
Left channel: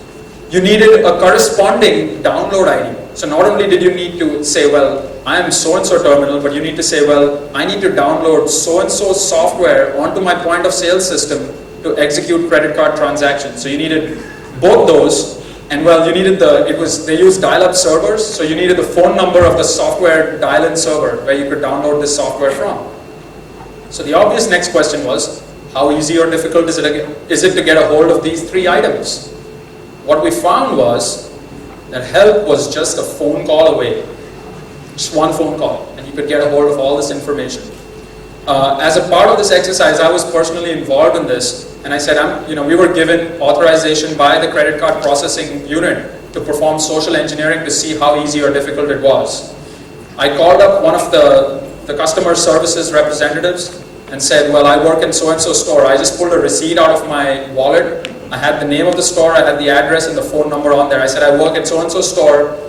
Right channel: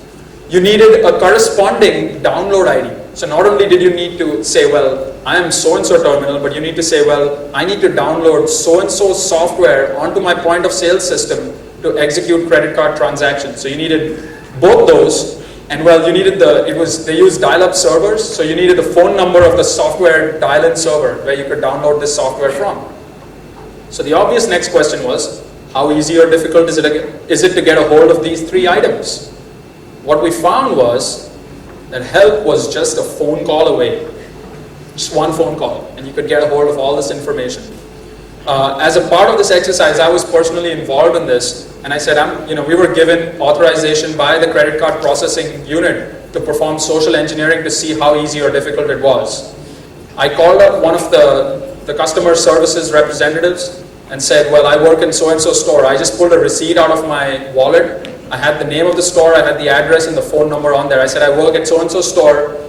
You needed a corresponding download ID. So not only did you need to say, well, I am so-and-so terminal, but you need to say, well, I need to download so-and-so software onto my point of sale system to execute credit card transactions. So you needed both those, and well, you needed they used dial-up servers, so you needed the phone number of the software dial-in server where you could download this software from. So the obvious next question was, how easy or difficult is it to get a hold of these three items? What we found was that help was just a phone call away. Just one phone call, and you could get a hold of all this information. As a part of this exercise, I was personally involved in this, and I said, we were given authorization by the credit card processing unit to perform social engineering to see how easy or difficult it was. I called up one of the customer services representatives and said, well, I work in so-and-so store. I just pulled a receipt out of my wallet. I had the name of the store, I had the address and the phone number on there. I said, I work at so-and-so store.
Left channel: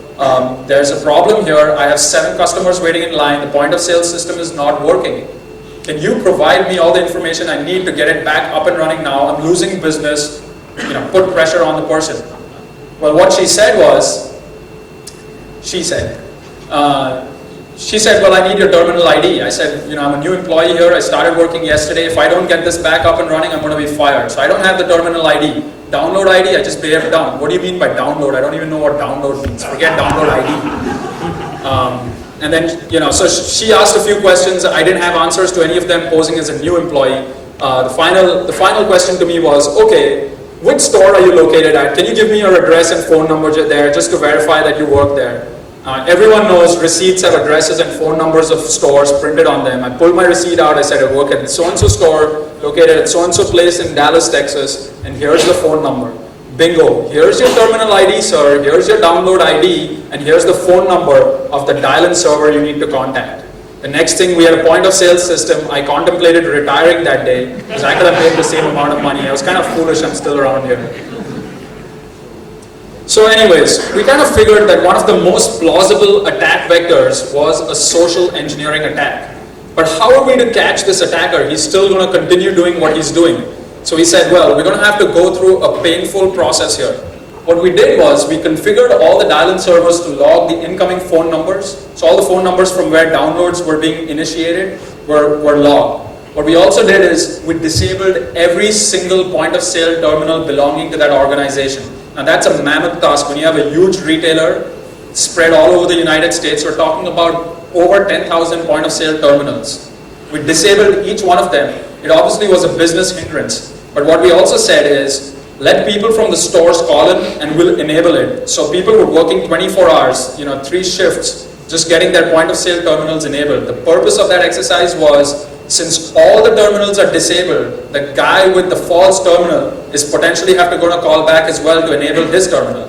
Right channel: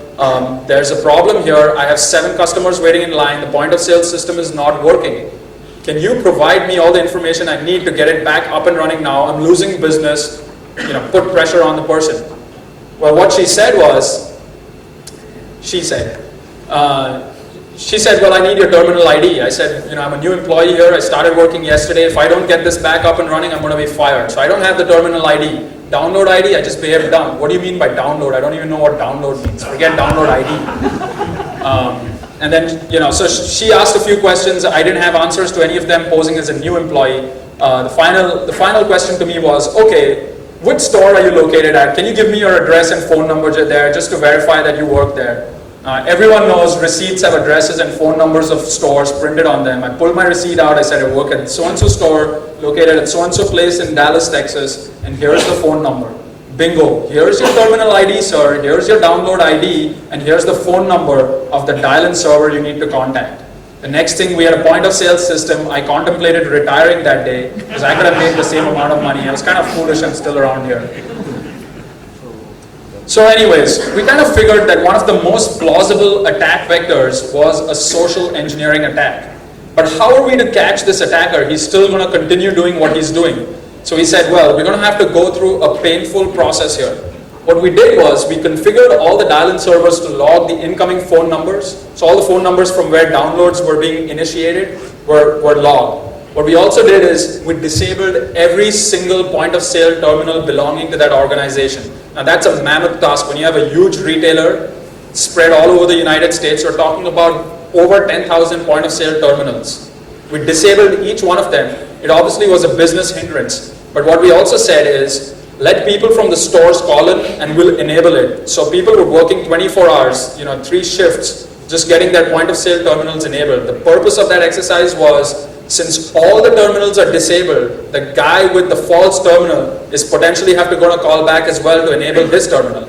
There's a problem here. I have 7 customers waiting in line. The point of sale system is not working. Can you provide me all the information I need to get it back up and running now? I'm losing business. Put pressure on the person. Well, what she said was, she said, well, I need your terminal ID. I said, I'm a new employee here. I started working yesterday. If I don't get this back up and running, I'm going to be fired. So I don't have the terminal ID. Download ID, I just behaved dumb. What do you mean by download? I don't even know what download means. Forget download ID. And then, so she asked a few questions. I didn't have answers to any of them, posing as a new employee. The final question to me was, okay, which store are you located at? Can you give me your address and phone number there just to verify that you work there? Everyone knows receipts have addresses and phone numbers of stores printed on them. I pulled my receipt out. I said, I work at so-and-so store located at so-and-so place in Dallas, Texas, and here's the phone number. Bingo. Here's your terminal ID, sir. Here's your download ID, and here's the phone number of the dial-in server you need to contact. The next thing, we had a point of sale system. I contemplated retiring that day because I could have made the same amount of money. I was kind of foolish. I'm still around here. So anyways, we kind of figured that one of the most plausible attack vectors was a social engineering attack. But how are we to catch this attacker? He's still going to continue doing what he's doing. So we said, well, we're going to have to go through a painful process here. What we did was we configured all the dial-in servers to log the incoming phone numbers. So all the phone numbers from where downloads were being initiated were logged. What we also did is we disabled every single point of sale terminal belonging to that organization. Now that's a mammoth task. When you have a huge retailer spread all over the United States, we're talking about over 10,000 point of sale terminals. We disabled each one of them. It obviously was a business hindrance. But what we also said is, let people from the stores call it and we'll enable it. So people were working 24 hours, 3 shifts, just getting their point of sale terminals enabled. The purpose of that exercise was, since all the terminals are disabled, the guy with the false terminal is potentially going to call back as well to enable his terminal.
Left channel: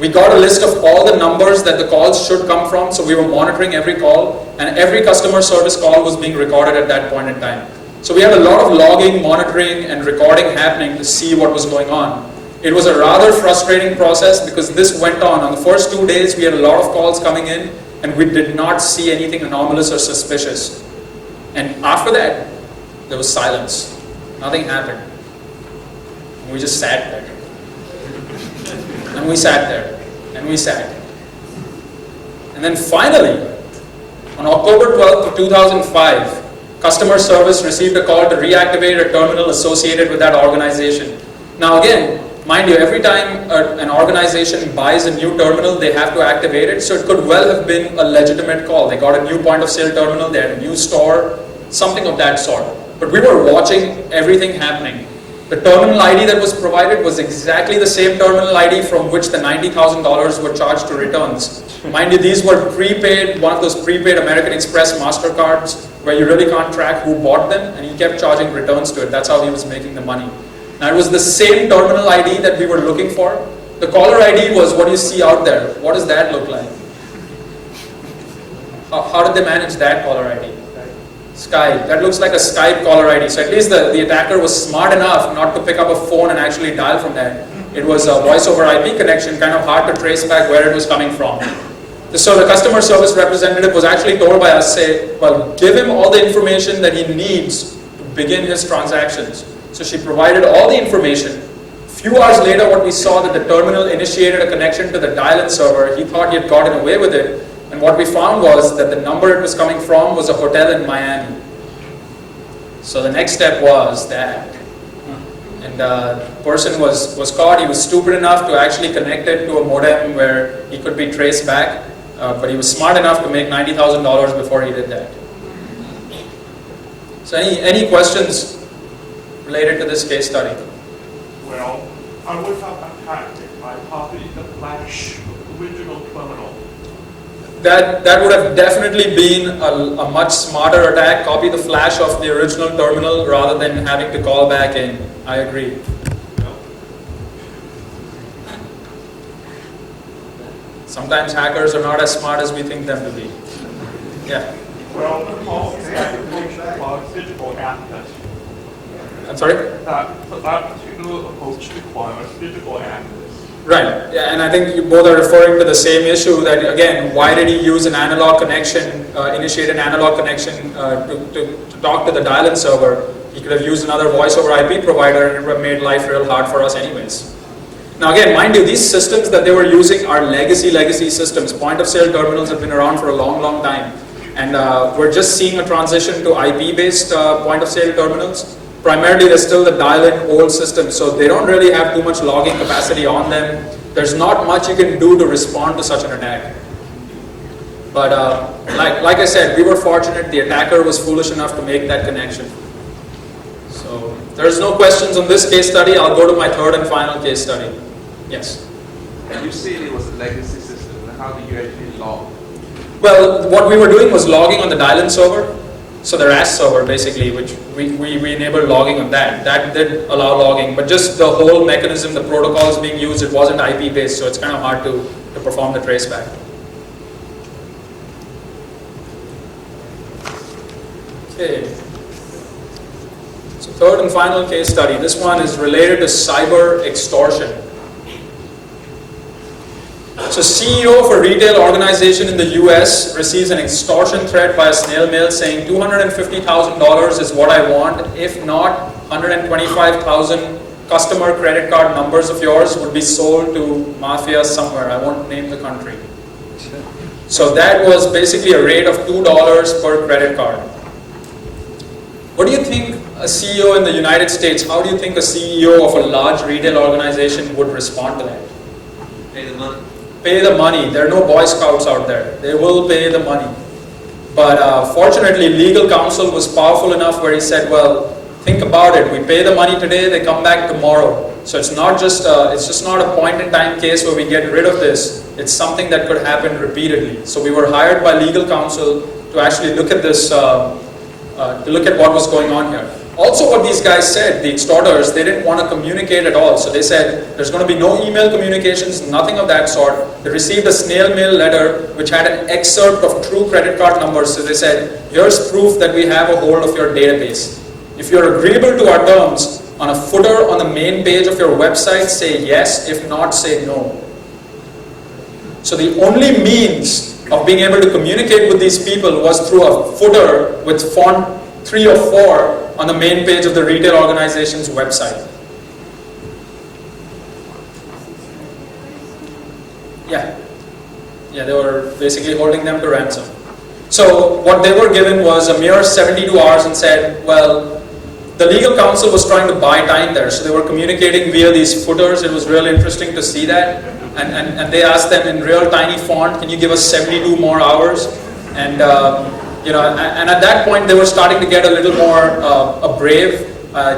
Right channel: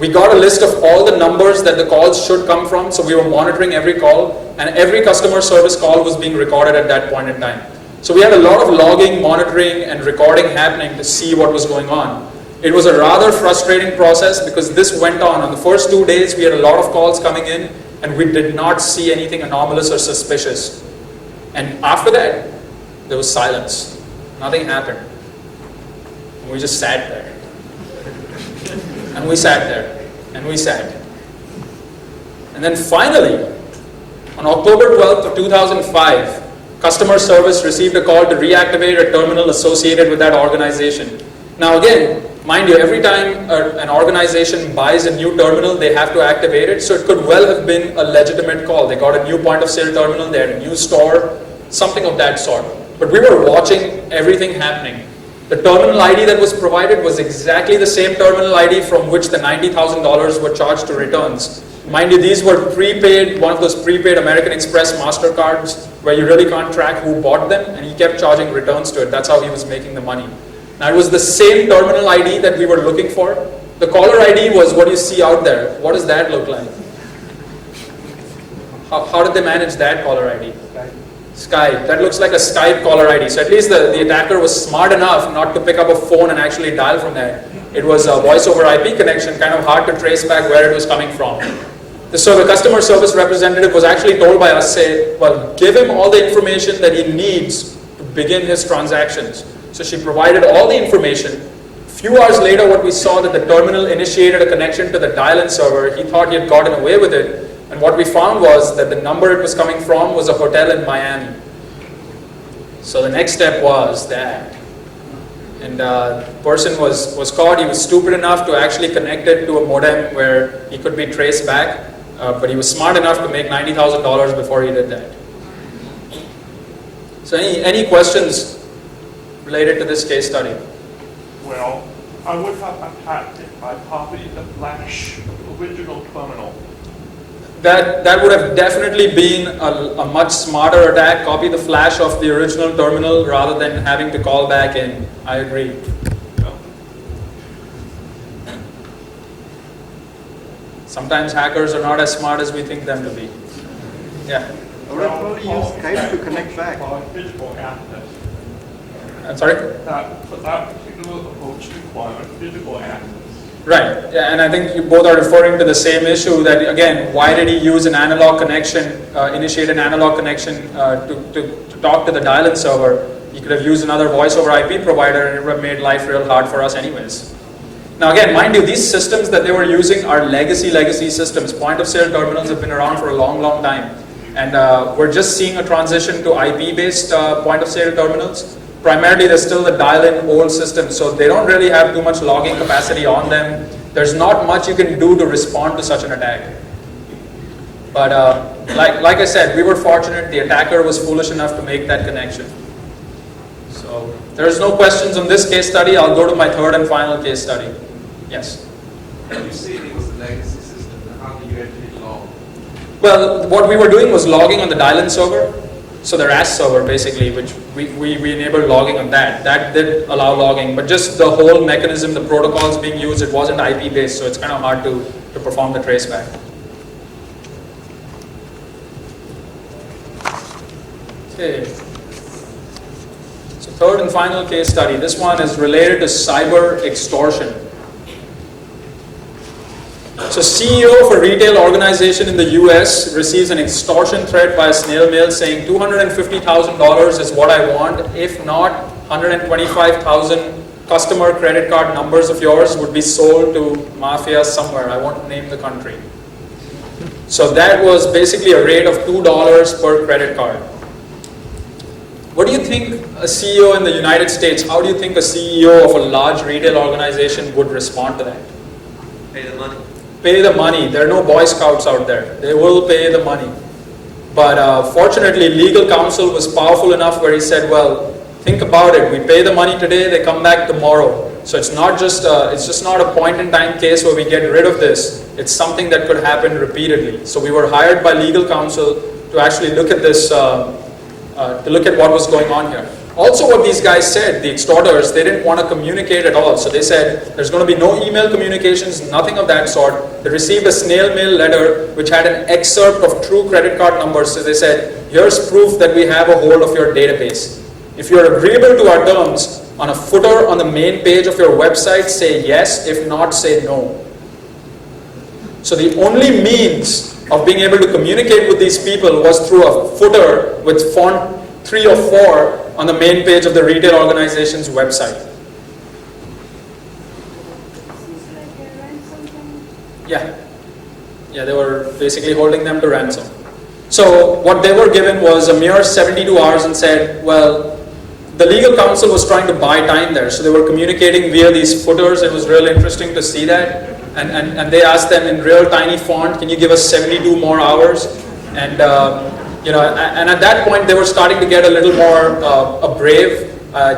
We got a list of all the numbers that the calls should come from, so we were monitoring every call, and every customer service call was being recorded at that point in time. So we had a lot of logging, monitoring, and recording happening to see what was going on. It was a rather frustrating process because this went on. The first 2 days, we had a lot of calls coming in, and we did not see anything anomalous or suspicious. And after that, there was silence. Nothing happened. And we just sat there. And we sat there. And we sat. And then finally, on October 12th of 2005, customer service received a call to reactivate a terminal associated with that organization. Now again, mind you, every time an organization buys a new terminal, they have to activate it, so it could well have been a legitimate call. They got a new point of sale terminal, they had a new store, something of that sort. But we were watching everything happening. The terminal ID that was provided was exactly the same terminal ID from which the $90,000 were charged to returns. Mind you, these were prepaid, one of those prepaid American Express MasterCards where you really can't track who bought them, and he kept charging returns to it. That's how he was making the money. Now it was the same terminal ID that we were looking for. The caller ID was what you see out there. What does that look like? How did they manage that caller ID? Skype. That looks like a Skype caller ID. So at least the attacker was smart enough not to pick up a phone and actually dial from there. It was a voice over IP connection, kind of hard to trace back where it was coming from. So the customer service representative was actually told by us, say, well, give him all the information that he needs to begin his transactions. So she provided all the information. A few hours later, what we saw that the terminal initiated a connection to the dial-in server. He thought he had gotten away with it. And what we found was that the number it was coming from was a hotel in Miami. So the next step was that, and the person was caught. He was stupid enough to actually connect it to a modem where he could be traced back, but he was smart enough to make $90,000 before he did that. So any questions related to this case study? Well, I would have attacked it by copying the flash of the original terminal. That would have definitely been a much smarter attack. Copy the flash of the original terminal rather than having to call back in. I agree. Sometimes hackers are not as smart as we think them to be. Yeah. Well, that physical access. I'm sorry? That particular approach requires physical access. Right, yeah, and I think you both are referring to the same issue that, again, why did he use an analog connection, initiate an analog connection to talk to the dial-in server? He could have used another voice over IP provider and it would have made life real hard for us anyways. Now again, mind you, these systems that they were using are legacy systems. Point of sale terminals have been around for a long time. And we're just seeing a transition to IP-based point of sale terminals. Primarily, there's still the dial-in old system, so they don't really have too much logging capacity on them. There's not much you can do to respond to such an attack. But like I said, we were fortunate. The attacker was foolish enough to make that connection. So there's no questions on this case study. I'll go to my third and final case study. Yes? You said it was a legacy system. How do you actually log? Well, what we were doing was logging on the dial-in server. So the RAS server basically, which we enabled logging on that. That did allow logging, but just the whole mechanism, the protocols being used, it wasn't IP based, so it's kind of hard to perform the traceback. Okay. So third and final case study. This one is related to cyber extortion. So CEO of a retail organization in the US receives an extortion threat by a snail mail saying $250,000 is what I want. If not, 125,000 customer credit card numbers of yours would be sold to mafia somewhere. I won't name the country. So that was basically a rate of $2 per credit card. What do you think a CEO in the United States, how do you think a CEO of a large retail organization would respond to that? Pay the money. There are no Boy Scouts out there. They will pay the money. But fortunately, legal counsel was powerful enough where he said, well, think about it. We pay the money today, they come back tomorrow. So it's just not a point in time case where we get rid of this. It's something that could happen repeatedly. So we were hired by legal counsel to actually look at this, to look at what was going on here. Also what these guys said, the extorters, they didn't want to communicate at all. So they said, there's going to be no email communications, nothing of that sort. They received a snail mail letter which had an excerpt of true credit card numbers. So they said, here's proof that we have a hold of your database. If you're agreeable to our terms, on a footer on the main page of your website, say yes, if not, say no. So the only means of being able to communicate with these people was through a footer with font 3 or 4 on the main page of the retail organization's website. Yeah, they were basically holding them to ransom. So what they were given was a mere 72 hours and said, well, the legal counsel was trying to buy time there, so they were communicating via these footers. It was really interesting to see that. And they asked them in real tiny font, can you give us 72 more hours? And and at that point they were starting to get a little more brave.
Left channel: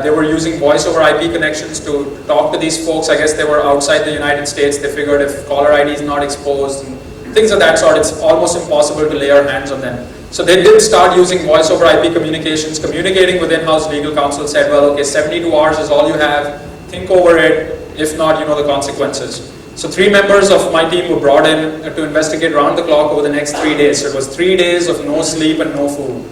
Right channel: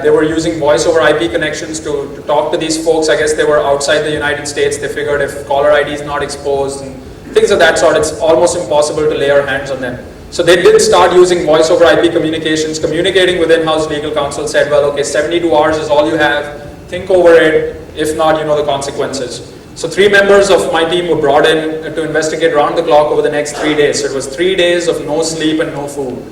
They were using voice over IP connections to talk to these folks. I guess they were outside the United States. They figured if caller ID is not exposed and things of that sort, it's almost impossible to lay our hands on them. So they did start using voice over IP communications, communicating with in-house legal counsel, said, well, okay, 72 hours is all you have, think over it, if not, you know the consequences. So 3 members of my team were brought in to investigate round the clock over the next 3 days. So it was 3 days of no sleep and no food.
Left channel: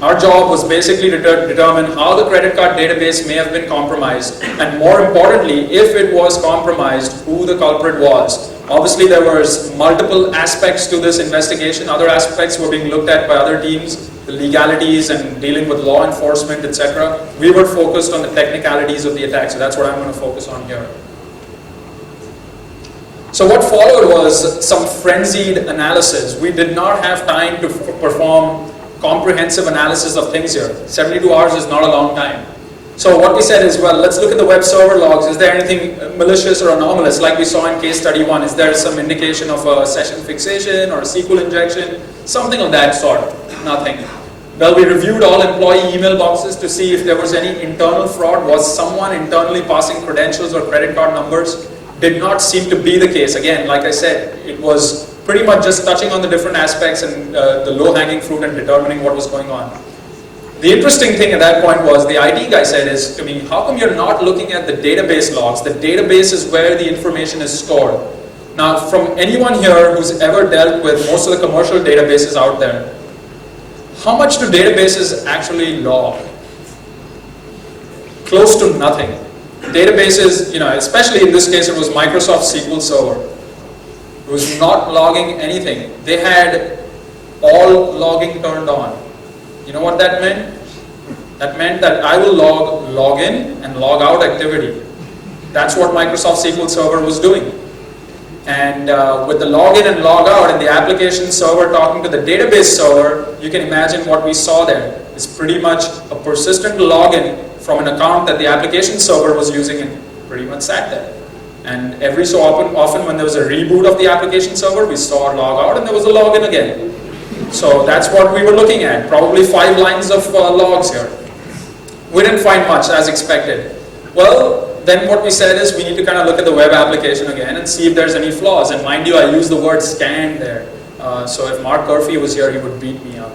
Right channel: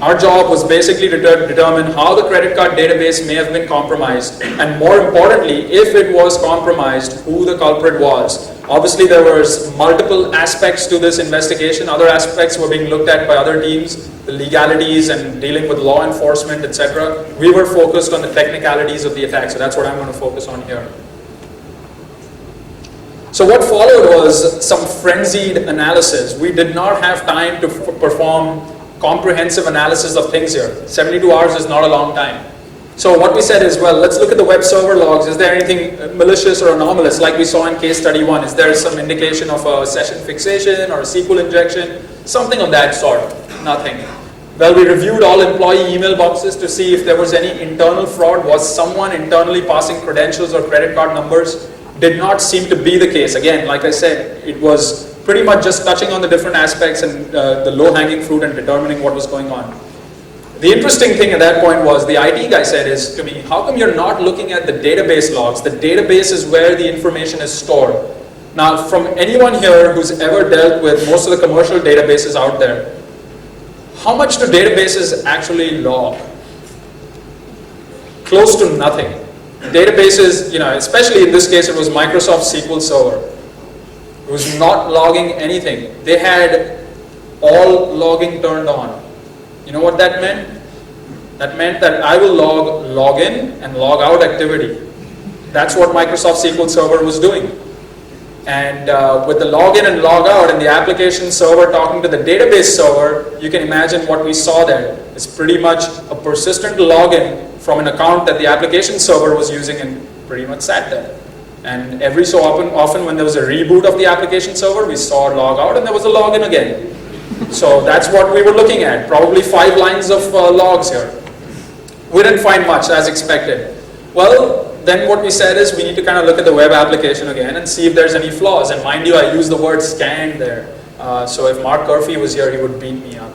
Our job was basically to determine how the credit card database may have been compromised, and more importantly, if it was compromised, who the culprit was. Obviously, there was multiple aspects to this investigation. Other aspects were being looked at by other teams, the legalities and dealing with law enforcement, etc. We were focused on the technicalities of the attack, so that's what I'm going to focus on here. So what followed was some frenzied analysis. We did not have time to perform comprehensive analysis of things here. 72 hours is not a long time. So what we said is, well, let's look at the web server logs. Is there anything malicious or anomalous like we saw in case study 1? Is there some indication of a session fixation or a SQL injection? Something of that sort. Nothing. Well, we reviewed all employee email boxes to see if there was any internal fraud. Was someone internally passing credentials or credit card numbers? Did not seem to be the case. Again, like I said, it was pretty much just touching on the different aspects and the low-hanging fruit and determining what was going on. The interesting thing at that point was the IT guy said is to me, how come you're not looking at the database logs? The database is where the information is stored. Now, from anyone here who's ever dealt with most of the commercial databases out there, how much do databases actually log? Close to nothing. Databases, especially in this case, it was Microsoft SQL Server. It was not logging anything. They had all logging turned on. You know what that meant? That meant that I will log login and log out activity. That's what Microsoft SQL Server was doing. And with the login and log out and the application server talking to the database server, you can imagine what we saw there. It's pretty much a persistent login from an account that the application server was using and pretty much sat there. And every so often when there was a reboot of the application server, we saw a log out and there was a login again. So that's what we were looking at, probably 5 lines of logs here. We didn't find much as expected. Well, then what we said is we need to kind of look at the web application again and see if there's any flaws. And mind you, I use the word scan there. So if Mark Curfew was here, he would beat me up.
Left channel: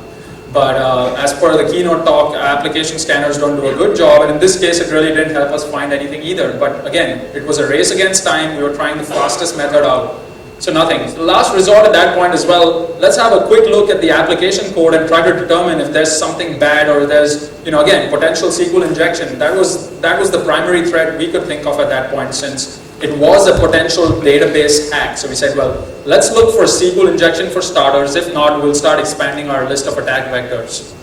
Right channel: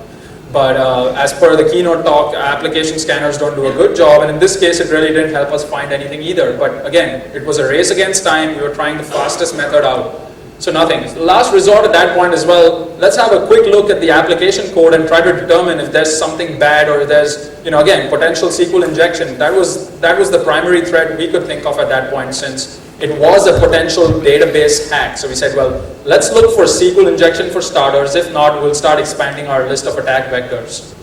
But as per the keynote talk, application scanners don't do a good job. And in this case, it really didn't help us find anything either. But again, it was a race against time. We were trying the fastest method out. So nothing. The last resort at that point is, well, let's have a quick look at the application code and try to determine if there's something bad or there's, again, potential SQL injection. That was the primary threat we could think of at that point, since it was a potential database hack. So we said, well, let's look for SQL injection for starters. If not, we'll start expanding our list of attack vectors.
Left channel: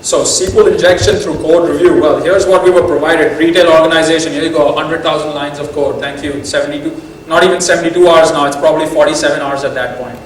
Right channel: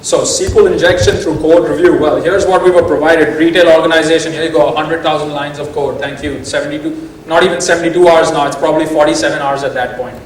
So SQL injection through code review. Well, here's what we were provided. Retail organization, here you go, 100,000 lines of code. Thank you. 72. Not even 72 hours now, it's probably 47 hours at that point.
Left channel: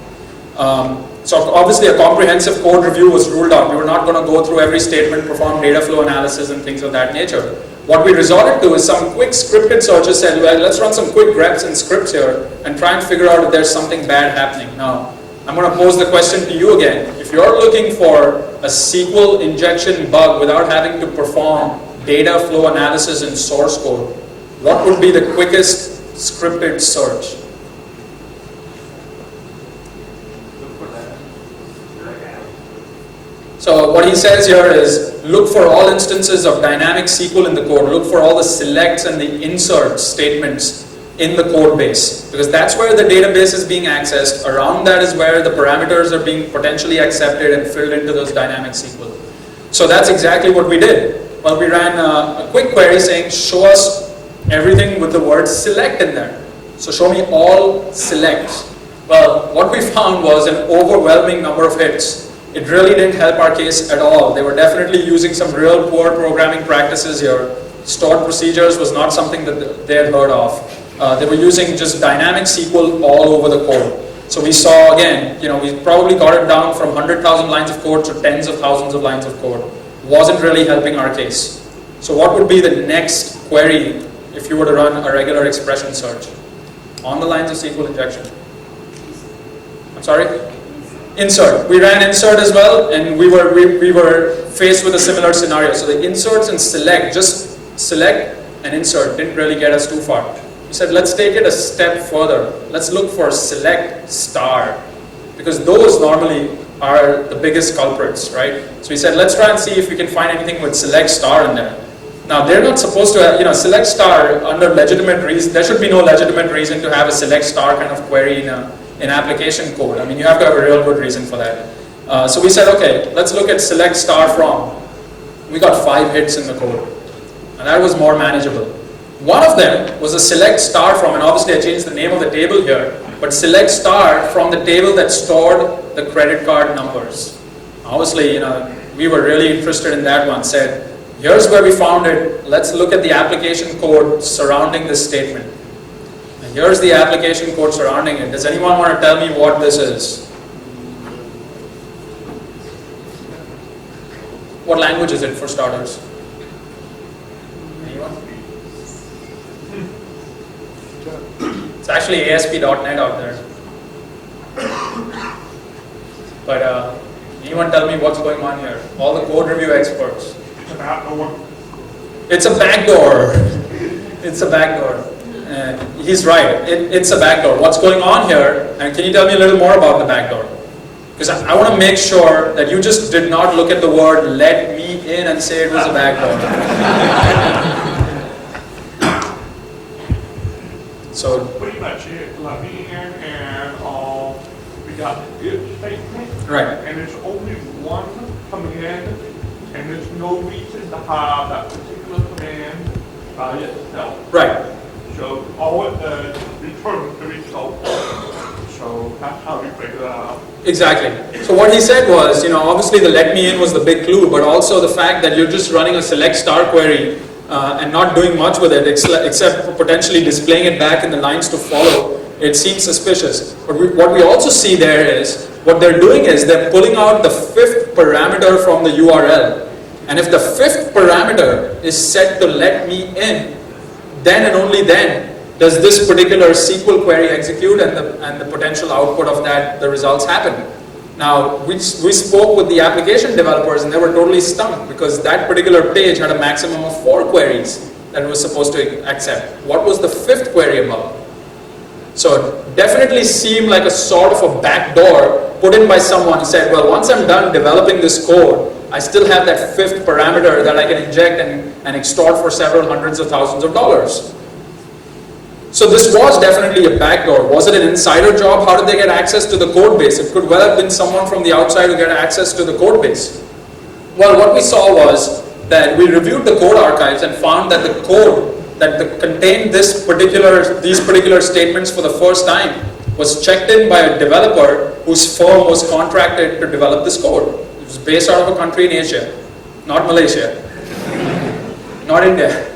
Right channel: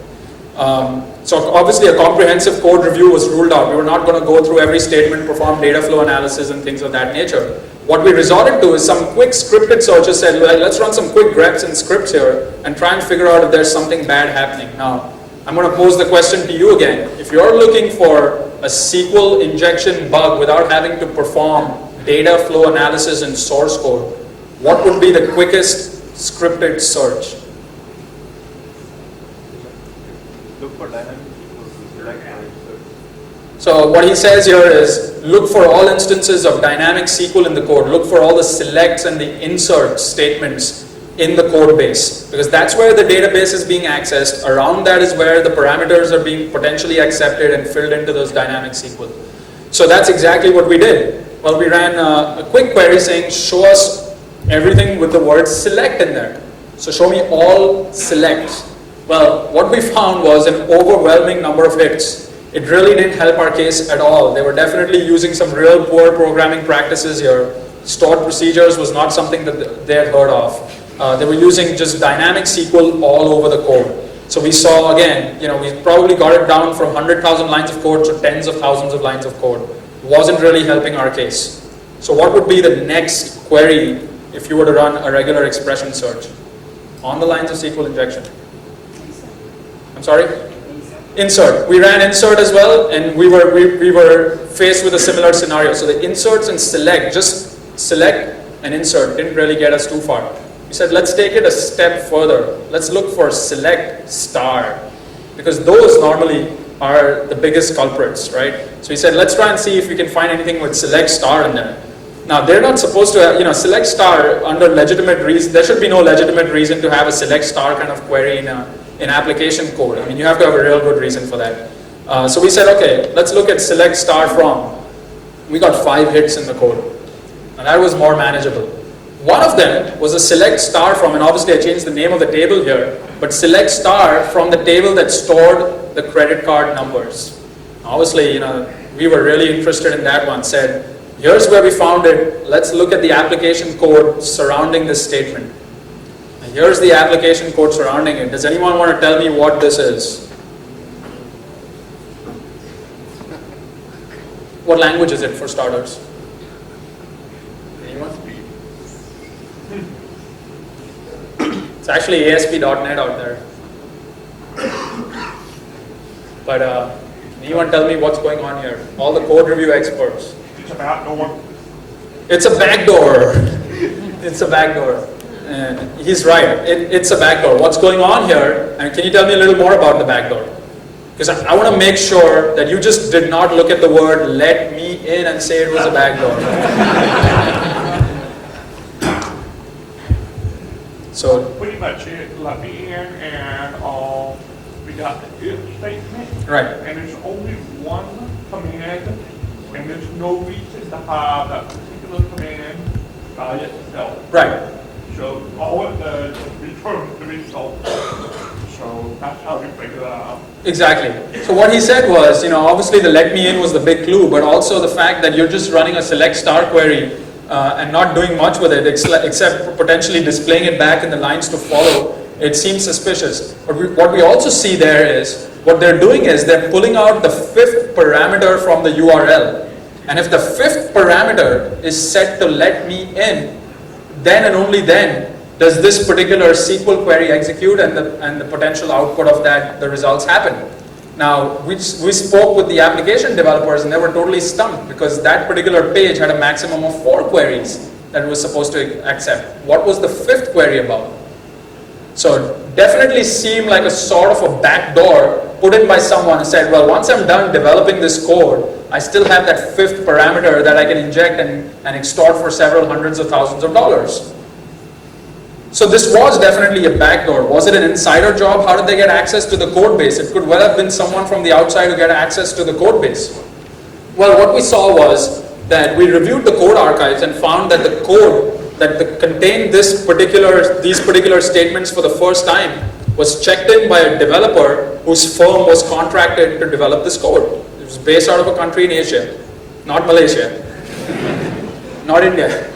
So obviously a comprehensive code review was ruled out. We were not going to go through every statement, perform data flow analysis and things of that nature. What we resorted to is some quick scripted searches. Said, well, let's run some quick greps and scripts here and try and figure out if there's something bad happening. Now, I'm going to pose the question to you again. If you're looking for a SQL injection bug without having to perform data flow analysis in source code, what would be the quickest scripted search? So what he says here is, look for all instances of dynamic SQL in the code. Look for all the selects and the insert statements in the code base, because that's where the database is being accessed. Around that is where the parameters are being potentially accepted and filled into those dynamic SQL. So that's exactly what we did. Well, we ran a quick query saying, show us everything with the word select in there. So show me all selects. Well, what we found was an overwhelming number of hits. It really didn't help our case at all. They were definitely using some real poor programming practices here. Stored procedures was not something that they had heard of. They were using just dynamic SQL all over the code. So we saw, again, we probably got it down from 100,000 lines of code to tens of thousands of lines of code. Wasn't really helping our case. So what would be the next query if you were to run a regular expression search? On the lines of SQL injection. I'm sorry? Insert. We ran insert as well, and we were faced with a similar scenario. So the inserts and select, just select and insert, didn't really get us too far. We said, let's take it a step further. Let's look for select star, because those normally are the biggest culprits, right? So we said, let's try and see if we can find anything with select star in there. Now, they're not supposed to have, select star under legitimate reason. There should be no legitimate reason to have a select star kind of query in application code. I mean, you have to have a real good reason for that. So we said, okay, let's look at select star from. We got 5 hits in the code. And that was more manageable. One of them was a select star from, and obviously I changed the name of the table here, but select star from the table that stored the credit card numbers. Obviously, we were really interested in that one. Said, here's where we found it. Let's look at the application code surrounding this statement. And here's the application code surrounding it. Does anyone want to tell me what this is? What language is it, for starters? Anyone? It's actually ASP.NET out there. But anyone tell me what's going on here? All the code review experts. It's a backdoor. It's a backdoor. It's a backdoor. And he's right. It's a backdoor. What's going on here? And can you tell me a little more about the backdoor? Because I want to make sure that you just did not look at the word let me in and say it was a backdoor. So Pretty much it, let me in, and we got the if statement. Right. And there's only one command, and there's no reason to have that particular command by itself. right. So all it does is return the result. So that's how we figure that out. Exactly. So what he said was, obviously the let me in was the big clue, but also the fact that you're just running a select star query and not doing much with it except potentially displaying it back in the lines to follow, it seems suspicious. But what we also see there is, what they're doing is they're pulling out the 5th parameter from the URL. And if the 5th parameter is set to let me in, then and only then does this particular SQL query execute and the potential output of that, the results happen. Now, we spoke with the application developers and they were totally stunned because that particular page had a maximum of 4 queries that it was supposed to accept. What was the 5th query about? So it definitely seemed like a sort of a backdoor put in by someone who said, well, once I'm done developing this code, I still have that 5th parameter that I can inject and extort for several hundreds of thousands of dollars. So this was definitely a backdoor. Was it an insider job? How did they get access to the code base? It could well have been someone from the outside who got access to the code base. Well, what we saw was that we reviewed the code archives and found that the code that contained these particular statements for the first time was checked in by a developer whose firm was contracted to develop this code. It was based out of a country in Asia, not Malaysia, not India.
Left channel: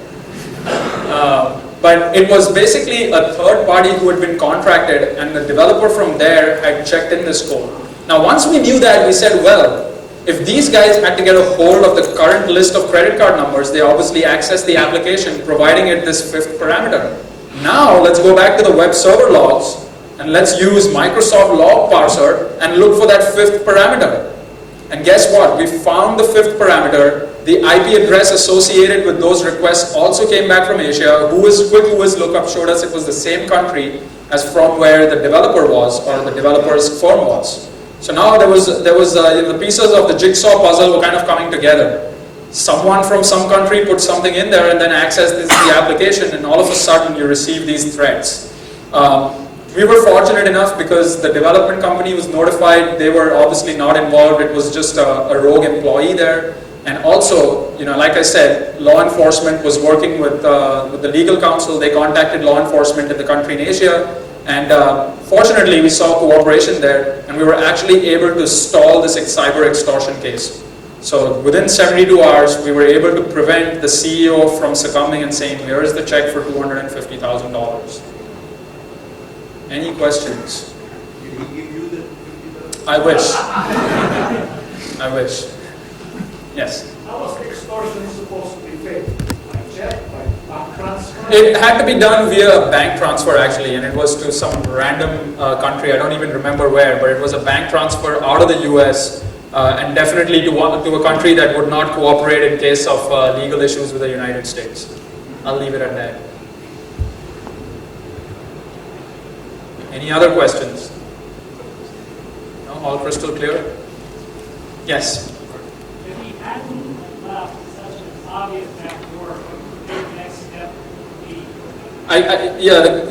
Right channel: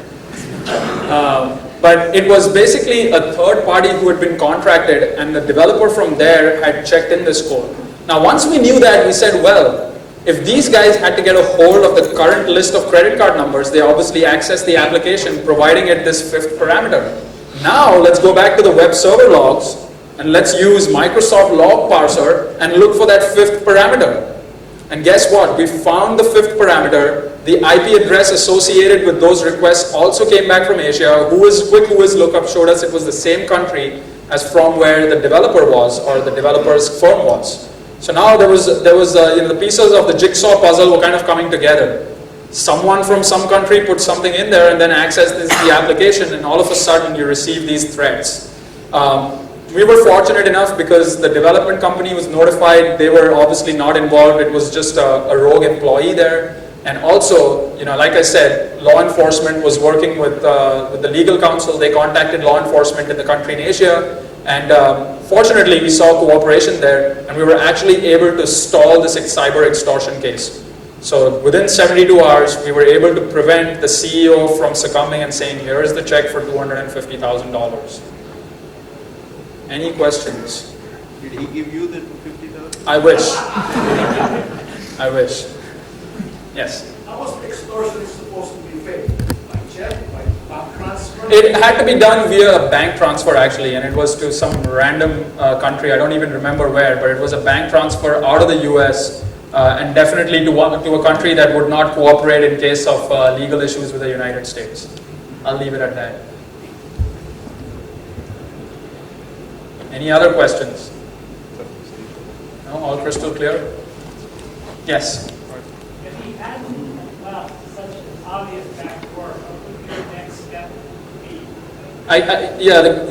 But it was basically a third party who had been contracted, and the developer from there had checked in this code. Now, once we knew that, we said, well, if these guys had to get a hold of the current list of credit card numbers, they obviously accessed the application, providing it this 5th parameter. Now, let's go back to the web server logs, and let's use Microsoft Log Parser and look for that 5th parameter. And guess what? We found the 5th parameter. The IP address associated with those requests also came back from Asia. Quick lookup showed us it was the same country as from where the developer was, or the developer's firm was. So now there was the pieces of the jigsaw puzzle were kind of coming together. Someone from some country put something in there and then accessed the application, and all of a sudden you receive these threats. We were fortunate enough because the development company was notified. They were obviously not involved. It was just a rogue employee there. And also, like I said, law enforcement was working with the legal counsel. They contacted law enforcement in the country in Asia, and fortunately, we saw cooperation there, and we were actually able to stall this cyber extortion case. So within 72 hours, we were able to prevent the CEO from succumbing and saying, "Here is the check for $250,000." Any questions? I wish. I wish. Yes. How was the extortion supposed to be paid? By check, by bank transfer? It had to be done via a bank transfer actually, and it was to some random country. I don't even remember where, but it was a bank transfer out of the US, and definitely to a country that would not cooperate in case of legal issues with the United States. I'll leave it at that. Any other questions? No, all crystal clear? Yes. If he hadn't such an obvious backdoor, what would the next step be?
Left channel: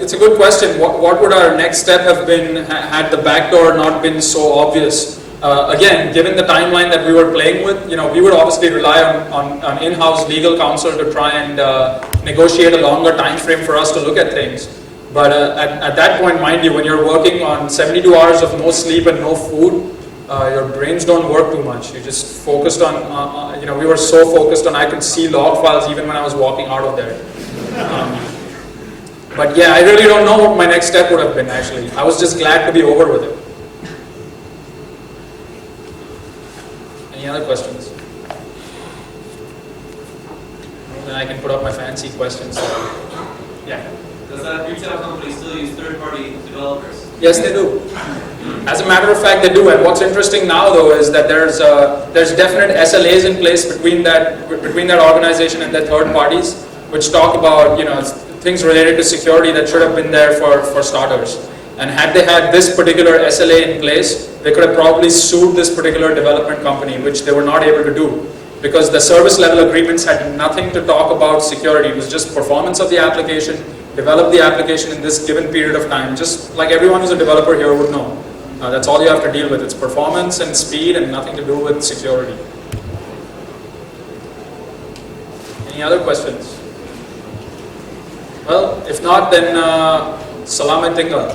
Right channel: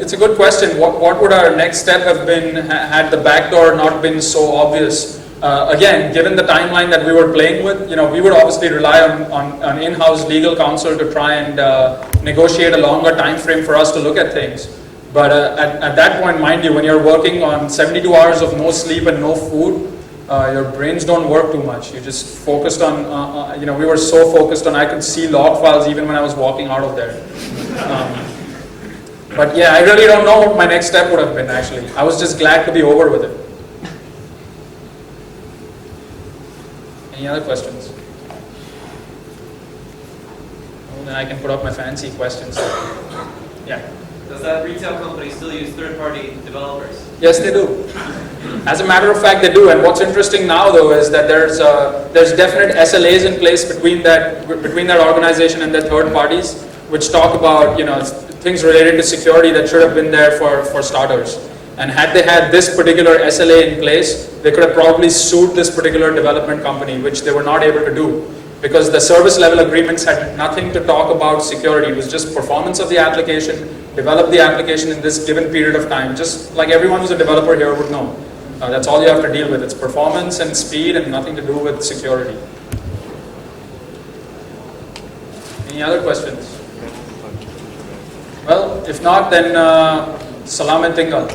It's a good question. What would our next step have been had the backdoor not been so obvious? Again, given the timeline that we were playing with, we would obviously rely on in-house legal counsel to try and negotiate a longer time frame for us to look at things. But at that point, mind you, when you're working on 72 hours of no sleep and no food, your brains don't work too much. You're just focused on, we were so focused on, I could see log files even when I was walking out of there. But yeah, I really don't know what my next step would have been actually. I was just glad to be over with it. Any other questions? Well, then I can put up my fancy questions. Yeah. Does that retail company still use third-party developers? Yes, they do. As a matter of fact, they do. And what's interesting now, though, is that there's definite SLAs in place between that organization and their third parties, which talk about things related to security that should have been there for starters. And had they had this particular SLA in place, they could have probably sued this particular development company, which they were not able to do. Because the service level agreements had nothing to talk about security. It was just performance of the application, develop the application in this given period of time, just like everyone who's a developer here would know. That's all you have to deal with. It's performance and speed and nothing to do with security. Any other questions? Well, if not, then Salamat tinggal.